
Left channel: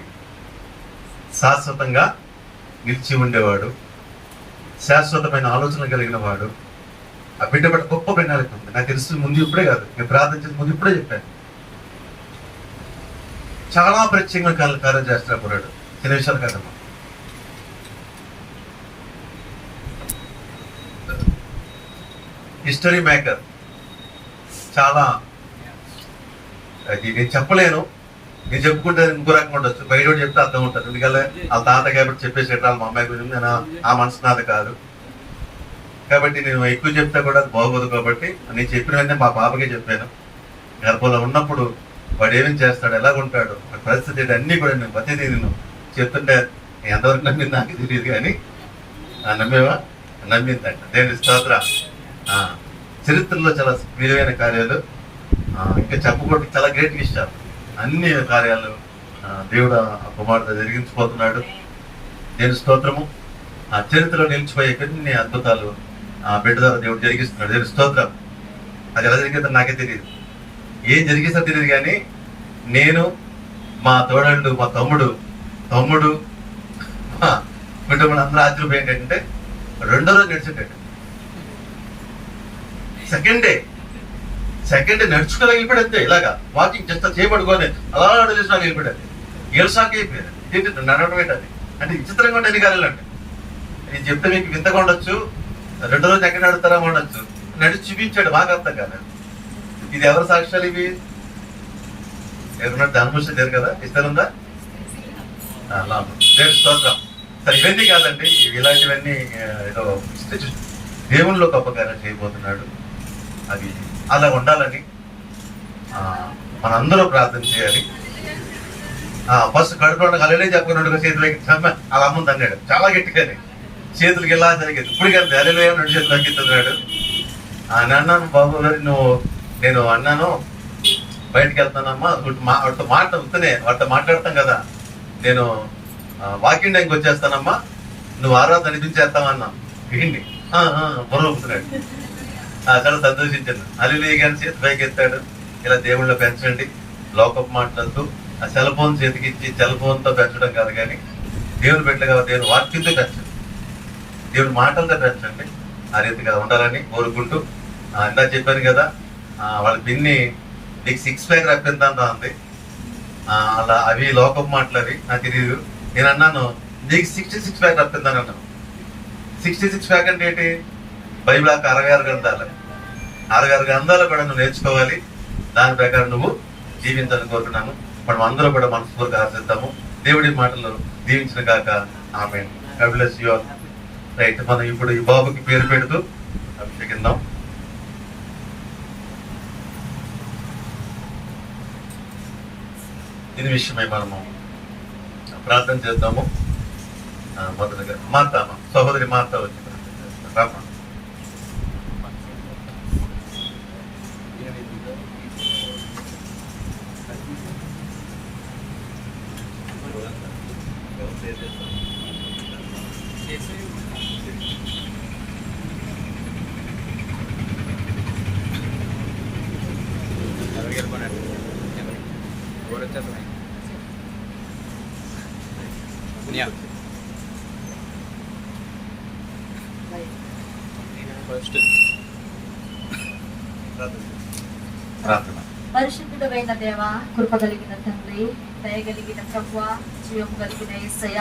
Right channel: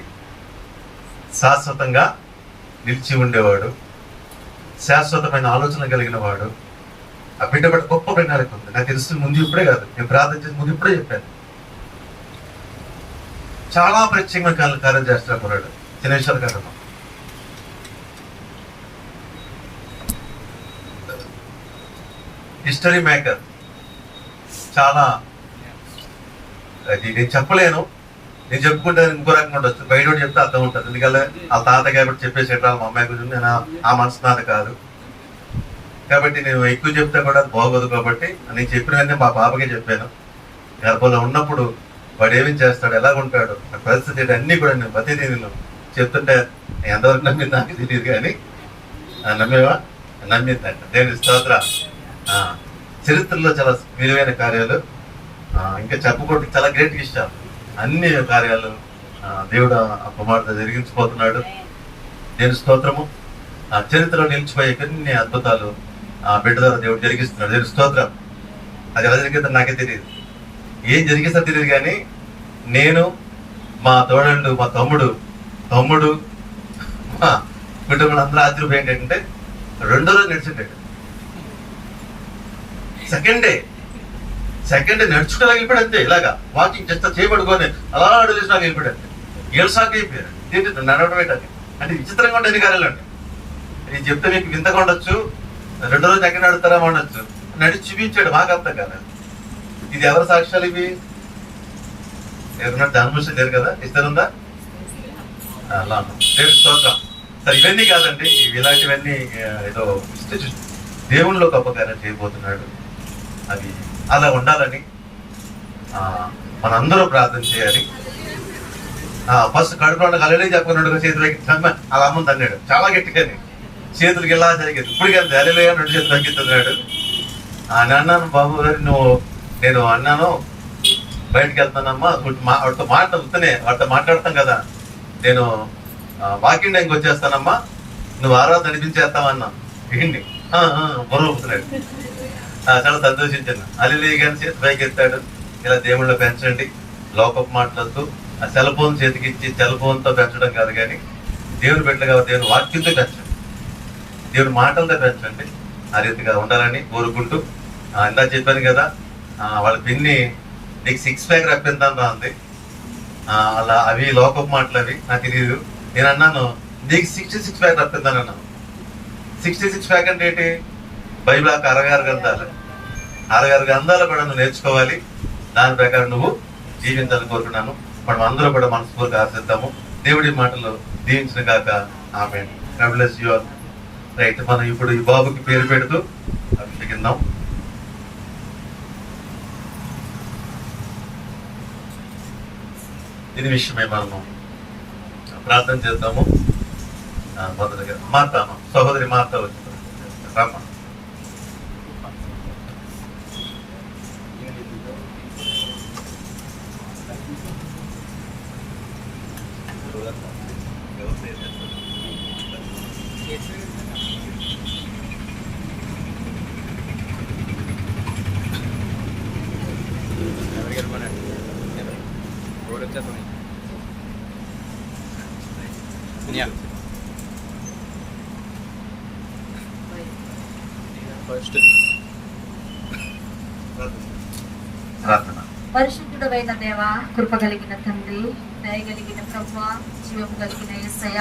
శాశ్వతంగా నిలిచి ఉండేవాడు, శాశ్వతమైన ఆలోచన కలిగిన వాడు. ఆ బిడ్డ గొప్ప ప్రణాళిక ఉంది. నాకు తెలుసు ముందు ఇప్పుడే కాదు, నేను ప్రార్థించిన ముందు ఇప్పుడే చెప్పాను. చాలా ప్రత్యేకమైన కార్యం చేస్తున్నారు కుర్రాడు, చిన్న విషయాలు కాదమ్మా. History maker. చాలా నేను చెప్పలేను, నేను చెప్పుకుంటే ఇంకో రకంగా ఉండొచ్చు, బయట చెప్తే అర్థం ఉంటుంది. ఎందుకంటే వాళ్ళ తాత కాబట్టి చెప్పేసేట మా అమ్మాయి గురించి నేను ఆ మనసు నాది కాదు కాబట్టి నేను ఎక్కువ చెప్తే కూడా అది బాగోదు. కాబట్టి నేను చెప్పిన వెంటనే మా బాబుకే చెప్పాను. గర్భంలో ఉన్నప్పుడు వాడు ఏమేమి చేస్తాడు, ఎలా ఉంటాడు, ఆ పరిస్థితి అన్నీ కూడా నేను ప్రతిదీ నేను చెప్తుంటే ఎంతవరకు నమ్మింది నాకు తెలియదు, కానీ నమ్మేవా? నమ్మిందంట. దేవుని స్తోత్ర. చరిత్రలో చాలా విలువైన కార్యాలు, ఇంకా చెప్పుకోవడం చాలా గ్రేట్ విషయాలు, అన్ని కార్యాలు దేవుడు ఆ కుమార్తె జరిగించిపోతున్నాడు. దేవుని స్తోత్రము. ఆ చరిత్రలో నిలిచిపోయే కొన్ని అద్భుతాలు ఆ బిడ్డ ద్వారా దేవుడు జరిగిస్తున్నాడు. దేవుని స్తోత్రం. అది ఎలా జరిగిందో నాకే తెలియదు, ఏం జరిగిస్తా తెలియదు, కానీ నేను, మా తోడళ్ళు, మా తమ్ముడు మా కుటుంబం అందరూ ఆశ్చర్యపోయి ఏంటంటే రెండో రోజు నడిచింటాడు. సెకండ్ డే నడుచుకోలేక వెళ్ళిపోయాడు అంతే. ఇలాగా వాకింగ్ జస్ట్ చేయబడుకొని అలా అడుగులేసినాక వెళ్ళిపోయాడు. ఏళ్ళసాక అయిపోయారు. ఏంటి నడవడం ఏంటది అంటే విచిత్రంగా ఉంటే ఎన్ని కార్యాలు అంటే నేను చెప్తే మీకు వింతగా ఉండొచ్చు. రెండో రోజు ఎక్కడ నడుతారా ఉండొచ్చు, నడిచి చూపించాడు, మాకు అర్థం కాదు. ఇది ఎవరి సాక్ష్యాలు ఇవి? ఎవరున్నట్టు అనుభూతి లేరు కదా, ఇస్తారుందా? దేవుని స్తోత్రం. సరే ఇవన్నీ కాదండి, ఇలాంటివన్నీ ఏదో దేవునిలో గొప్ప కార్యం చేయబోతున్నాడు. అది అలా ఉండాలని మనందరూ ప్రార్థన చేయాలి. ఫస్ట్ కడుపులో కలలే చెప్పుకున్నాడు, చేతులకి అలా అమ్మంది అన్నాడు చాలా గట్టిగానే, చేతులకి ఇలా జరిగేది. ఇప్పుడు కానీ అలలే రెండు చేతులు తగ్గిస్తున్నాడు. నేను అన్నాను, బాబు నేను అన్నాను బయటకు వెళ్తానమ్మా, వాటితో మాట్లాడతాం కదా, నేను వాకింగ్ టైంకి వచ్చేస్తానమ్మా, నువ్వు ఆరాధన నడిపించేస్తామన్నా. ఏంటి బుర్ర ఊపుతున్నాడు. చాలా సంతోషించాను. అల్లి కానీ చేతి పైకి ఎత్తాడు. ఇలా దేవుళ్ళో పెంచండి, లోకపు మాట్లాడుతూ ఆ సెల్ ఫోన్ చేతికి ఇచ్చి సెల్ ఫోన్తో పెంచడం కాదు, కానీ దేవుని పెట్టగా దేవుని వాక్యంతో పెంచండి, దేవుని మాటలతో పెంచండి. ఆ రీతిగా ఉండాలని కోరుకుంటూ ఇందా చెప్పాను కదా, వాళ్ళ పిన్ని నీకు 6 ప్యాక్ రప్పిందా అంది. అలా అవి లోకపు మాటలు, అవి నాకు తెలియదు. నేను అన్నాను నీకు 66 ప్యాక్ రప్పిందని అన్నాను. 66 ప్యాక్ అంటే ఏంటి? బైబిల్ 66 గ్రంథాలు, 66 గ్రంథాలు కూడా నువ్వు నేర్చుకోవాలి, దాని ప్రకారం నువ్వు జీవించాలని కోరుకున్నాను. మనం అందరూ కూడా మనస్ఫూర్తిగా ఆశిద్దాము. దేవుడి మాటలు దీవించిన కాక ఆమె. God bless you all. Right, మనం ఇప్పుడు ఈ బాబుకి పేరు పెడుతూ అభిషేకిద్దాం. దీని విషయమై మనము ప్రార్థన చేద్దాము. మొదటిగా మార్తా, సహోదరి మార్తా వచ్చింది. పరిశుద్ధుడైన దేవ, కృప కలిగిన తండ్రి, దయగలిగిన ప్రభువా, జీవం కలిగిన యేసయ్య,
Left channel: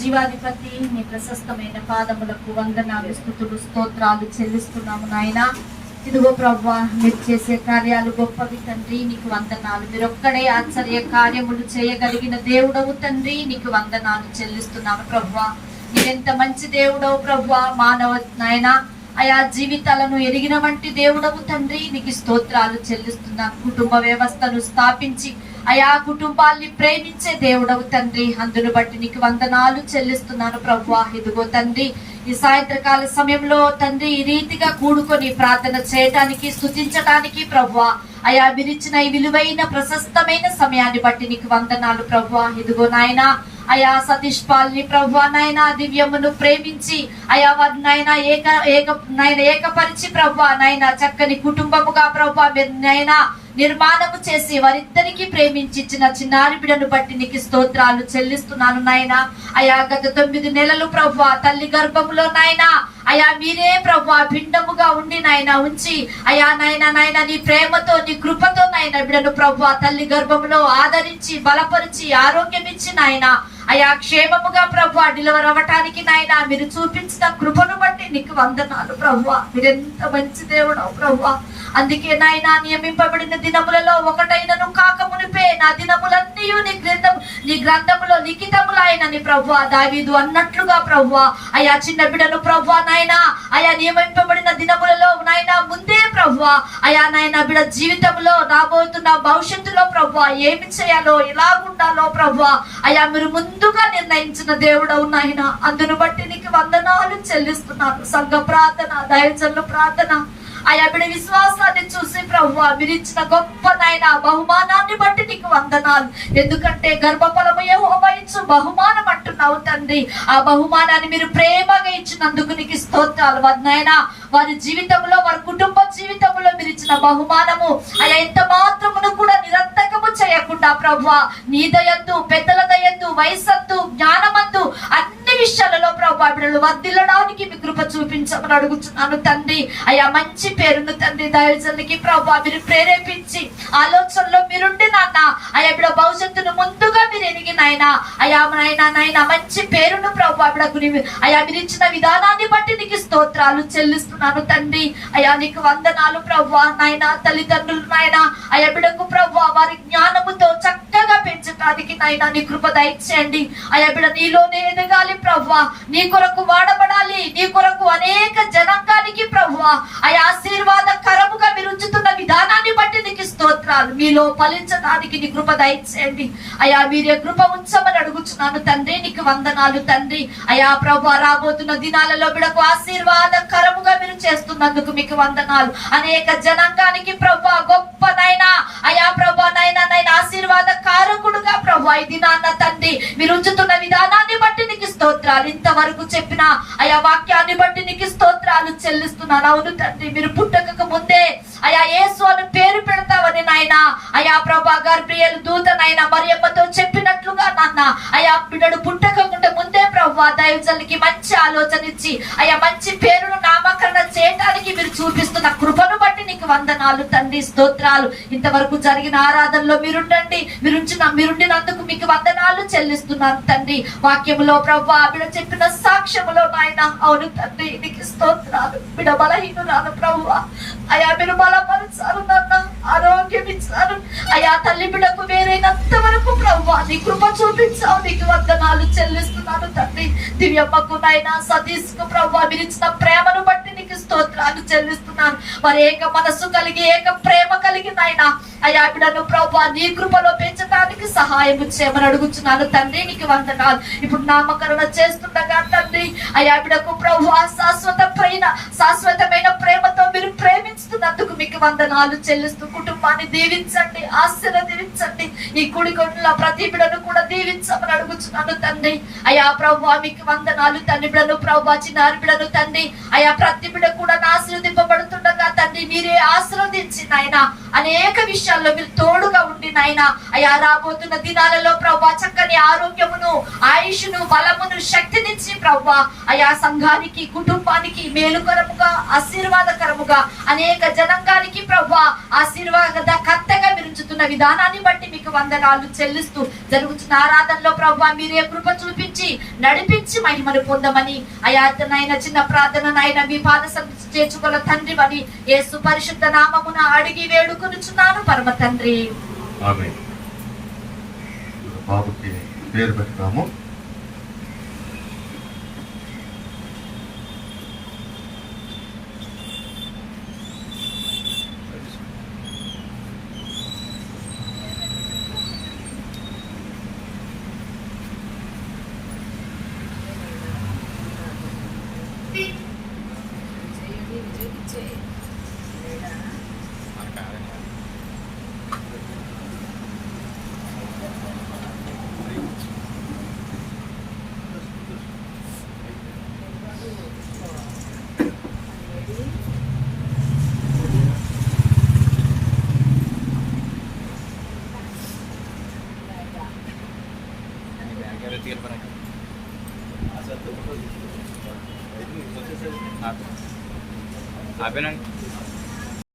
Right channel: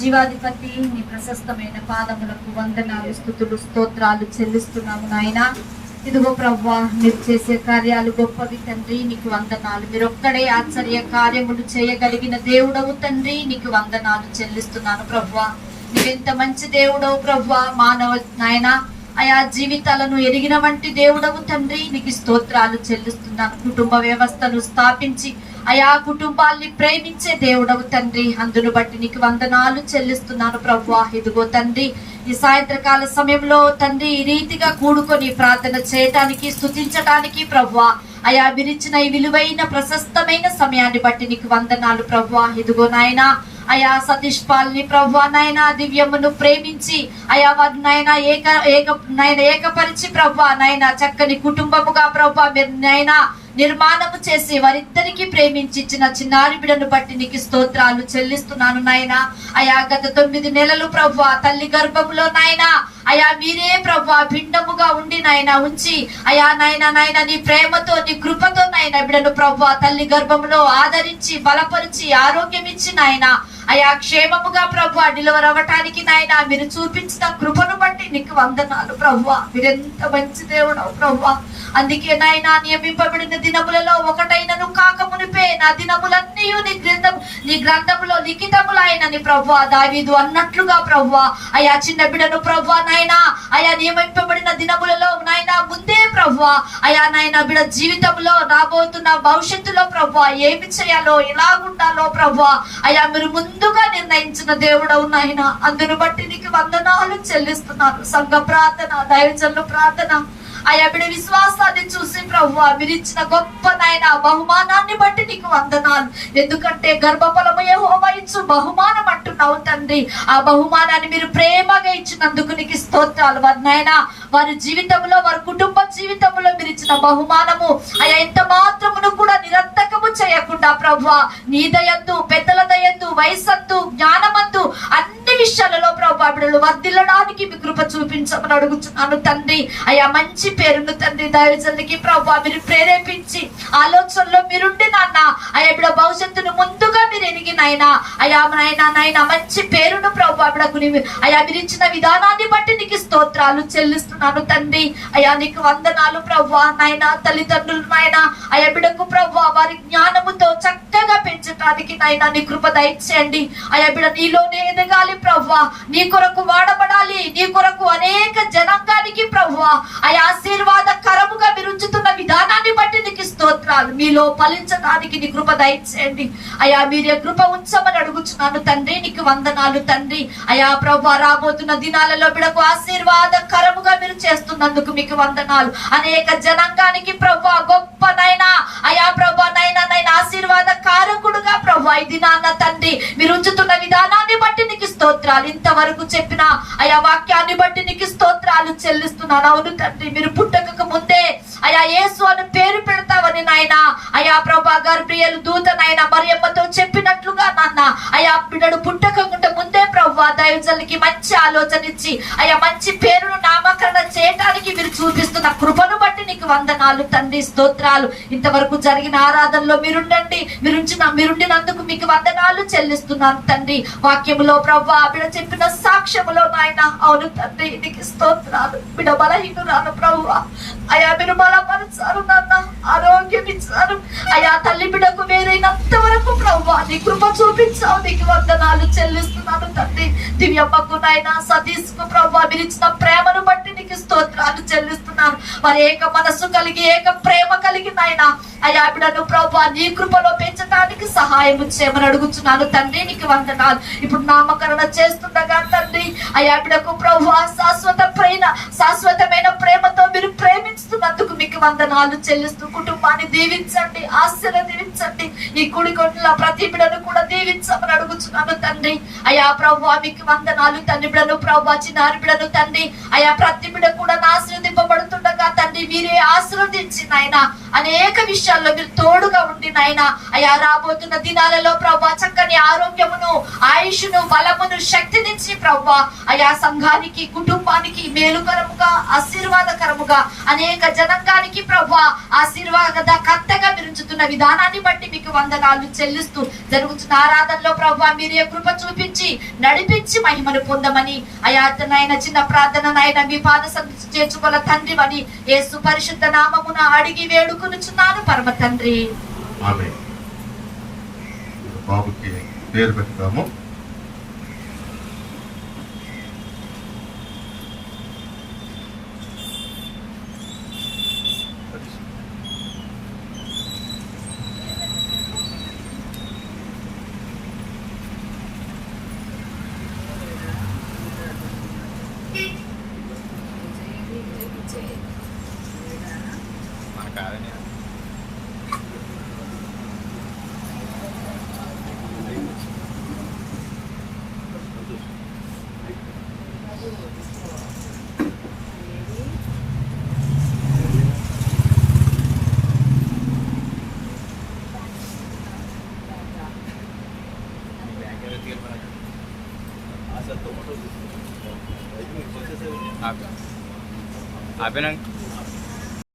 జీవాధిపతి, నీ ప్రశస్తమైన పాదములకు వందనాలు, స్తుతులు, స్తోత్రాలు చెల్లిస్తున్నాము నాయన. ఇదిగో ప్రభువా, మీరు చేసే కార్యాలు గొప్పవి తండ్రి, నీకు వందనాలు. మీరు ఒక్కడే ఆశ్చర్య కార్యములు చేయగలిగిన దేవుడవు తండ్రి, నీకు వందనాలు చెల్లిస్తున్నాను ప్రభువా. నువ్వెంత మంచి దేవుడవు ప్రభువా. మానవ నాయన ఆయా జీవితాలను ఎరిగిన వంటి దేవుడవు తండ్రి, నీకు స్తోత్రాలు చెల్లిస్తున్నాను. కుటుంబ వ్యవస్థను స్థాపించి ఆయా కుటుంబాల్ని ప్రేమించే దేవుడవు తండ్రి, అందును బట్టి నీకు వందనాలు చెల్లిస్తున్నాను ప్రభువా. ఇదిగో తండ్రి, ఈ సాయంత్రకాల సమయంలో తండ్రి ఈ రీతిగా కూడుకొని ప్రార్థన చేయటానికి, స్తుతించటానికి ప్రభువా, అయా మీరిచ్చిన ఈ విలువైన ప్రశస్తమైన సమయాన్ని బట్టి నీకు వందనాలు ప్రభువా. ఇదిగో నాయన అయా సతీష్ పాల్ని ప్రభా నాయన దివ్యమును ప్రేమించి అయా వారి నాయన ఏకపరిచి ప్రభా నాయన చక్కని కుటుంబముగా ప్రభా మీరు నాయన నిర్మాణము చేసి వారిద్దరికి ప్రేమించి ఇచ్చిన చిన్నారి బిడ్డను బట్టి నీకు స్తోత్రాలు చెల్లిస్తున్నాను నాయన. అయా గత 9 నెలలు ప్రభా తల్లి గర్భములో నాయన అయా మీరే ప్రభా భిండముగా ఉండి నాయన ఉంచి అయా నాయన నీ ప్రేమతో నీ కృపతో నాయన బిడ్డను ప్రభా తల్లి గర్భంలో ఆదరించి బలపరిచి ఆరోగ్యం ఇచ్చి నాయన అయా క్షేమముగా ప్రభా డెలివర్ అవ్వటానికి నాయన మీరు చూపించిన కృపను బట్టి నీకు వందనాలు ప్రభా. మీరెంత మంచి దేవుడవు ప్రభా. అందుకే నాయన నియమింపబడిన దినములలో ఒకటైనను కాక మునిపే నా దినములన్నీ నీ గ్రంథములో లిఖితములైనని ప్రభా దావీదు అన్నట్లుగా ప్రభా అయా చిన్న బిడ్డను ప్రభా నాయన అయా నియమింపబడిన దినములలో నాయన ముందే ప్రభా అయా నాయన బిడ్డ జీవితంలో రాబోతున్న భవిష్యత్తులో ప్రభా ఏమి చేయాలో ఎలాగుండాలో ప్రభా అయా మీరు ముందుగా నిర్ణయించిన దేవుడవు నాయన. అందును బట్టి నీకు వందనాలు చెల్లిస్తున్నాను. సంఘ ప్రార్థన దయచల్లు ప్రార్థన అయా బిడ్డ విశ్వాసాన్ని చూసి ప్రభువా మీరు ఇచ్చిన గొప్ప నాయన బహుమానాన్ని బట్టి నీకు వందనాలు. ఎందుకంటే గర్భఫలము యెహోవా ఇచ్చు బహుమానం అంటున్నావు తండ్రి. ఆ బహుమానాన్ని మీరు ప్రేమగా ఇచ్చినందుకు నీకు స్తోత్రాలు నాయన. వారి జీవితంలో వారి కుటుంబ జీవితంలో మీరు ఇచ్చిన బహుమానము అయా ఎంత మాత్రమును కూడా నిరర్థకము చేయకుండా ప్రభువా నీ దయందు పెద్దల దయందు వయస్సందు జ్ఞానమందు అన్ని విషయాలలో ప్రభువా బిడ్డలు వర్ధిల్లడానికి మీ కృప చూపించమని అడుగుతున్నాను తండ్రి. అయా మంచి పేరును తండ్రి దైవజనులకి ప్రభా మీరు ప్రేరేపించి ఆలోచనలో మీరుండి నాన్న అయా బిడ్డ భవిష్యత్తును ముందుగా మీరు ఎరిగి నాయన అయా నాయన మంచి పేరును ప్రభా బిడ్డకు అయా మీరు ఇచ్చిన విధానాన్ని బట్టి నీకు స్తోత్రాలు చెల్లిస్తున్నాను తండ్రి. అయా నీకు వందనాలు ప్రభా నాయన. తల్లిదండ్రులు నాయన అయా బిడ్డకు ప్రభా వారి జ్ఞానముతో చక్కగా పెంచడానికి నాయన నీ కృప దయచేయండి. అయా బిడ్డ నీలోనే ఎదగాలి ప్రభా, నీ కొరకు వాడబడాలి, నీ కొరకు అనేక జనాంగానికి ప్రభా అయా ఆశీర్వాదకరముగా మీరు ఉంచుతున్న విధానాన్ని బట్టి నీకు స్తోత్రాలు. మీలో ఫలించడానికి నీ కృప దయచేయండి అయా. మీరే కృప ఉంచమని అడుగుచున్నాను తండ్రి. నీకు వందనాలు తండ్రి. అయా ప్రభా రాబోతున్న దినాలలో బిడకు ఆశీర్వాదకరముగా మీరు చేస్తున్నందుకు మీకు వందనాలు. అనేక జనాంగానికి ప్రభా గొప్ప నైనా అయా ప్రభా నైనా ఆశీర్వాదకారకుడుగా ప్రభా ఈ దినాన్న తండ్రి మీరు ఉంచుతున్న విధానాన్ని బట్టి నీకు స్తోత్రాలు. ఇంతవరకు చెప్పిన అయా వాక్యాన్ని బట్టి నీకు స్తోత్రాలు చెల్లిస్తున్నాను. అవును తండ్రి, మీరు పుట్టక ముందే అయా యేసు అని పేరు పెడతావని నాయన అయా ప్రభా గర్భ్రియలు దూత నాయన మరియమ్మతో చెప్పినట్లుగా నాన్న అయా బిడ్డడు పుట్టక ముందే ప్రభా దైవజనులకి మంచి ఆలోచన ఇచ్చి అయా మంచి పేరును నామకరణ చేయడానికి మీరు చూపిస్తున్న కృపను బట్టి నీకు వందనాలు తండ్రి, స్తోత్రాలు. ఇంతవరకు జరిగిన ఆరాధనలో మీరుండినందుకు మీకు వందనాలు చెల్లిస్తున్నాను తండ్రి. వాక్యములో ప్రభా బిడ్డ చెప్పిన సాక్ష్యములో నాయన అవును తండ్రి నీకు స్తోత్రాలు. బిడ్డ బలహీనురాలు ప్రభువా అయా మీరు బలపరిచారు నాన్న, ఆరోగ్యం ఇచ్చారు అయా. తల్లి బిడ్డకు వేరైనంత వరకు ప్రభువా నీ కృప చూపించావు. నీకు వందనాలు చెల్లిస్తున్నాను తండ్రి. దివ్యమ్మకు నాయన సతీష్ కు ప్రభువా మీరు ఇచ్చిన ప్రేమను బట్టి నీకు స్తోత్రాలు చెల్లిస్తున్నాను. వారి ఏక మనస్సు కలిగి ఏక ప్రేమ కలిగి నాయన అయా బిడ్డను ప్రభువా నీ కృపలో పెంచడానికి సహాయం చేయమని అడుగుతున్నాను తండ్రి. నీకు వందనాలు. ఇప్పుడు నామకరణ చేస్తుండగా తండ్రి అయా బిడ్డకు ప్రభువా శాశ్వతమైన ప్రేమతో మీరు ప్రేమిస్తున్నందుకు మీకు వందనాలు చెల్లిస్తూ కుటుంబాన్ని దీవించండి, ఆశీర్వదించండి. నీ కుడి కొట్ల ప్రతి బిడ్డను కూడా దీవించమని అడుగుతున్నాను తండ్రి. అయా ప్రభువా మీకు వందనాలు తండ్రి. బిడ్డను ప్రభువా చిన్నారి బిడ్డను తండ్రి అయా ప్రతి బిడ్డ కూడా ఆశీర్వదింపబడుతుండగా తండ్రి మీరే ఆశీర్వదించి నాయన అనేక విషయాల్లో మీరు తోడుగా ఉండి నాయన అయా రాబోతున్న దినాలలో ప్రభువా చక్కని ఆరోగ్యమును ఆయుష్ను బలమును శక్తినిచ్చి ప్రభువా అయా సంఘానికి కుటుంబానికి మేలుకరముగా ఆశీర్వాదకరముగా అనేక జనాంగానికి ప్రభువా ఆశీర్వాదకర్తగా విరుచుతున్న విధానాన్ని బట్టి మీకు వందనాలు చెల్లిస్తూ జరుగుతున్న ఆరాధనలో ప్రభువా మీరే కృప చూపించి నడిపించి మహిమను పొందమని అయా నాయన చిన్న ప్రార్థన నాయన మీ పాద సన్నిధి చేర్చుకోల తండ్రి అని యేసు పరిశుద్ధ నామమున అడిగి వేడుకొనుచున్నాను పరమ తండ్రి. ఆమేన్. బాబుకి పేరు పెడతాము. ఆపినాక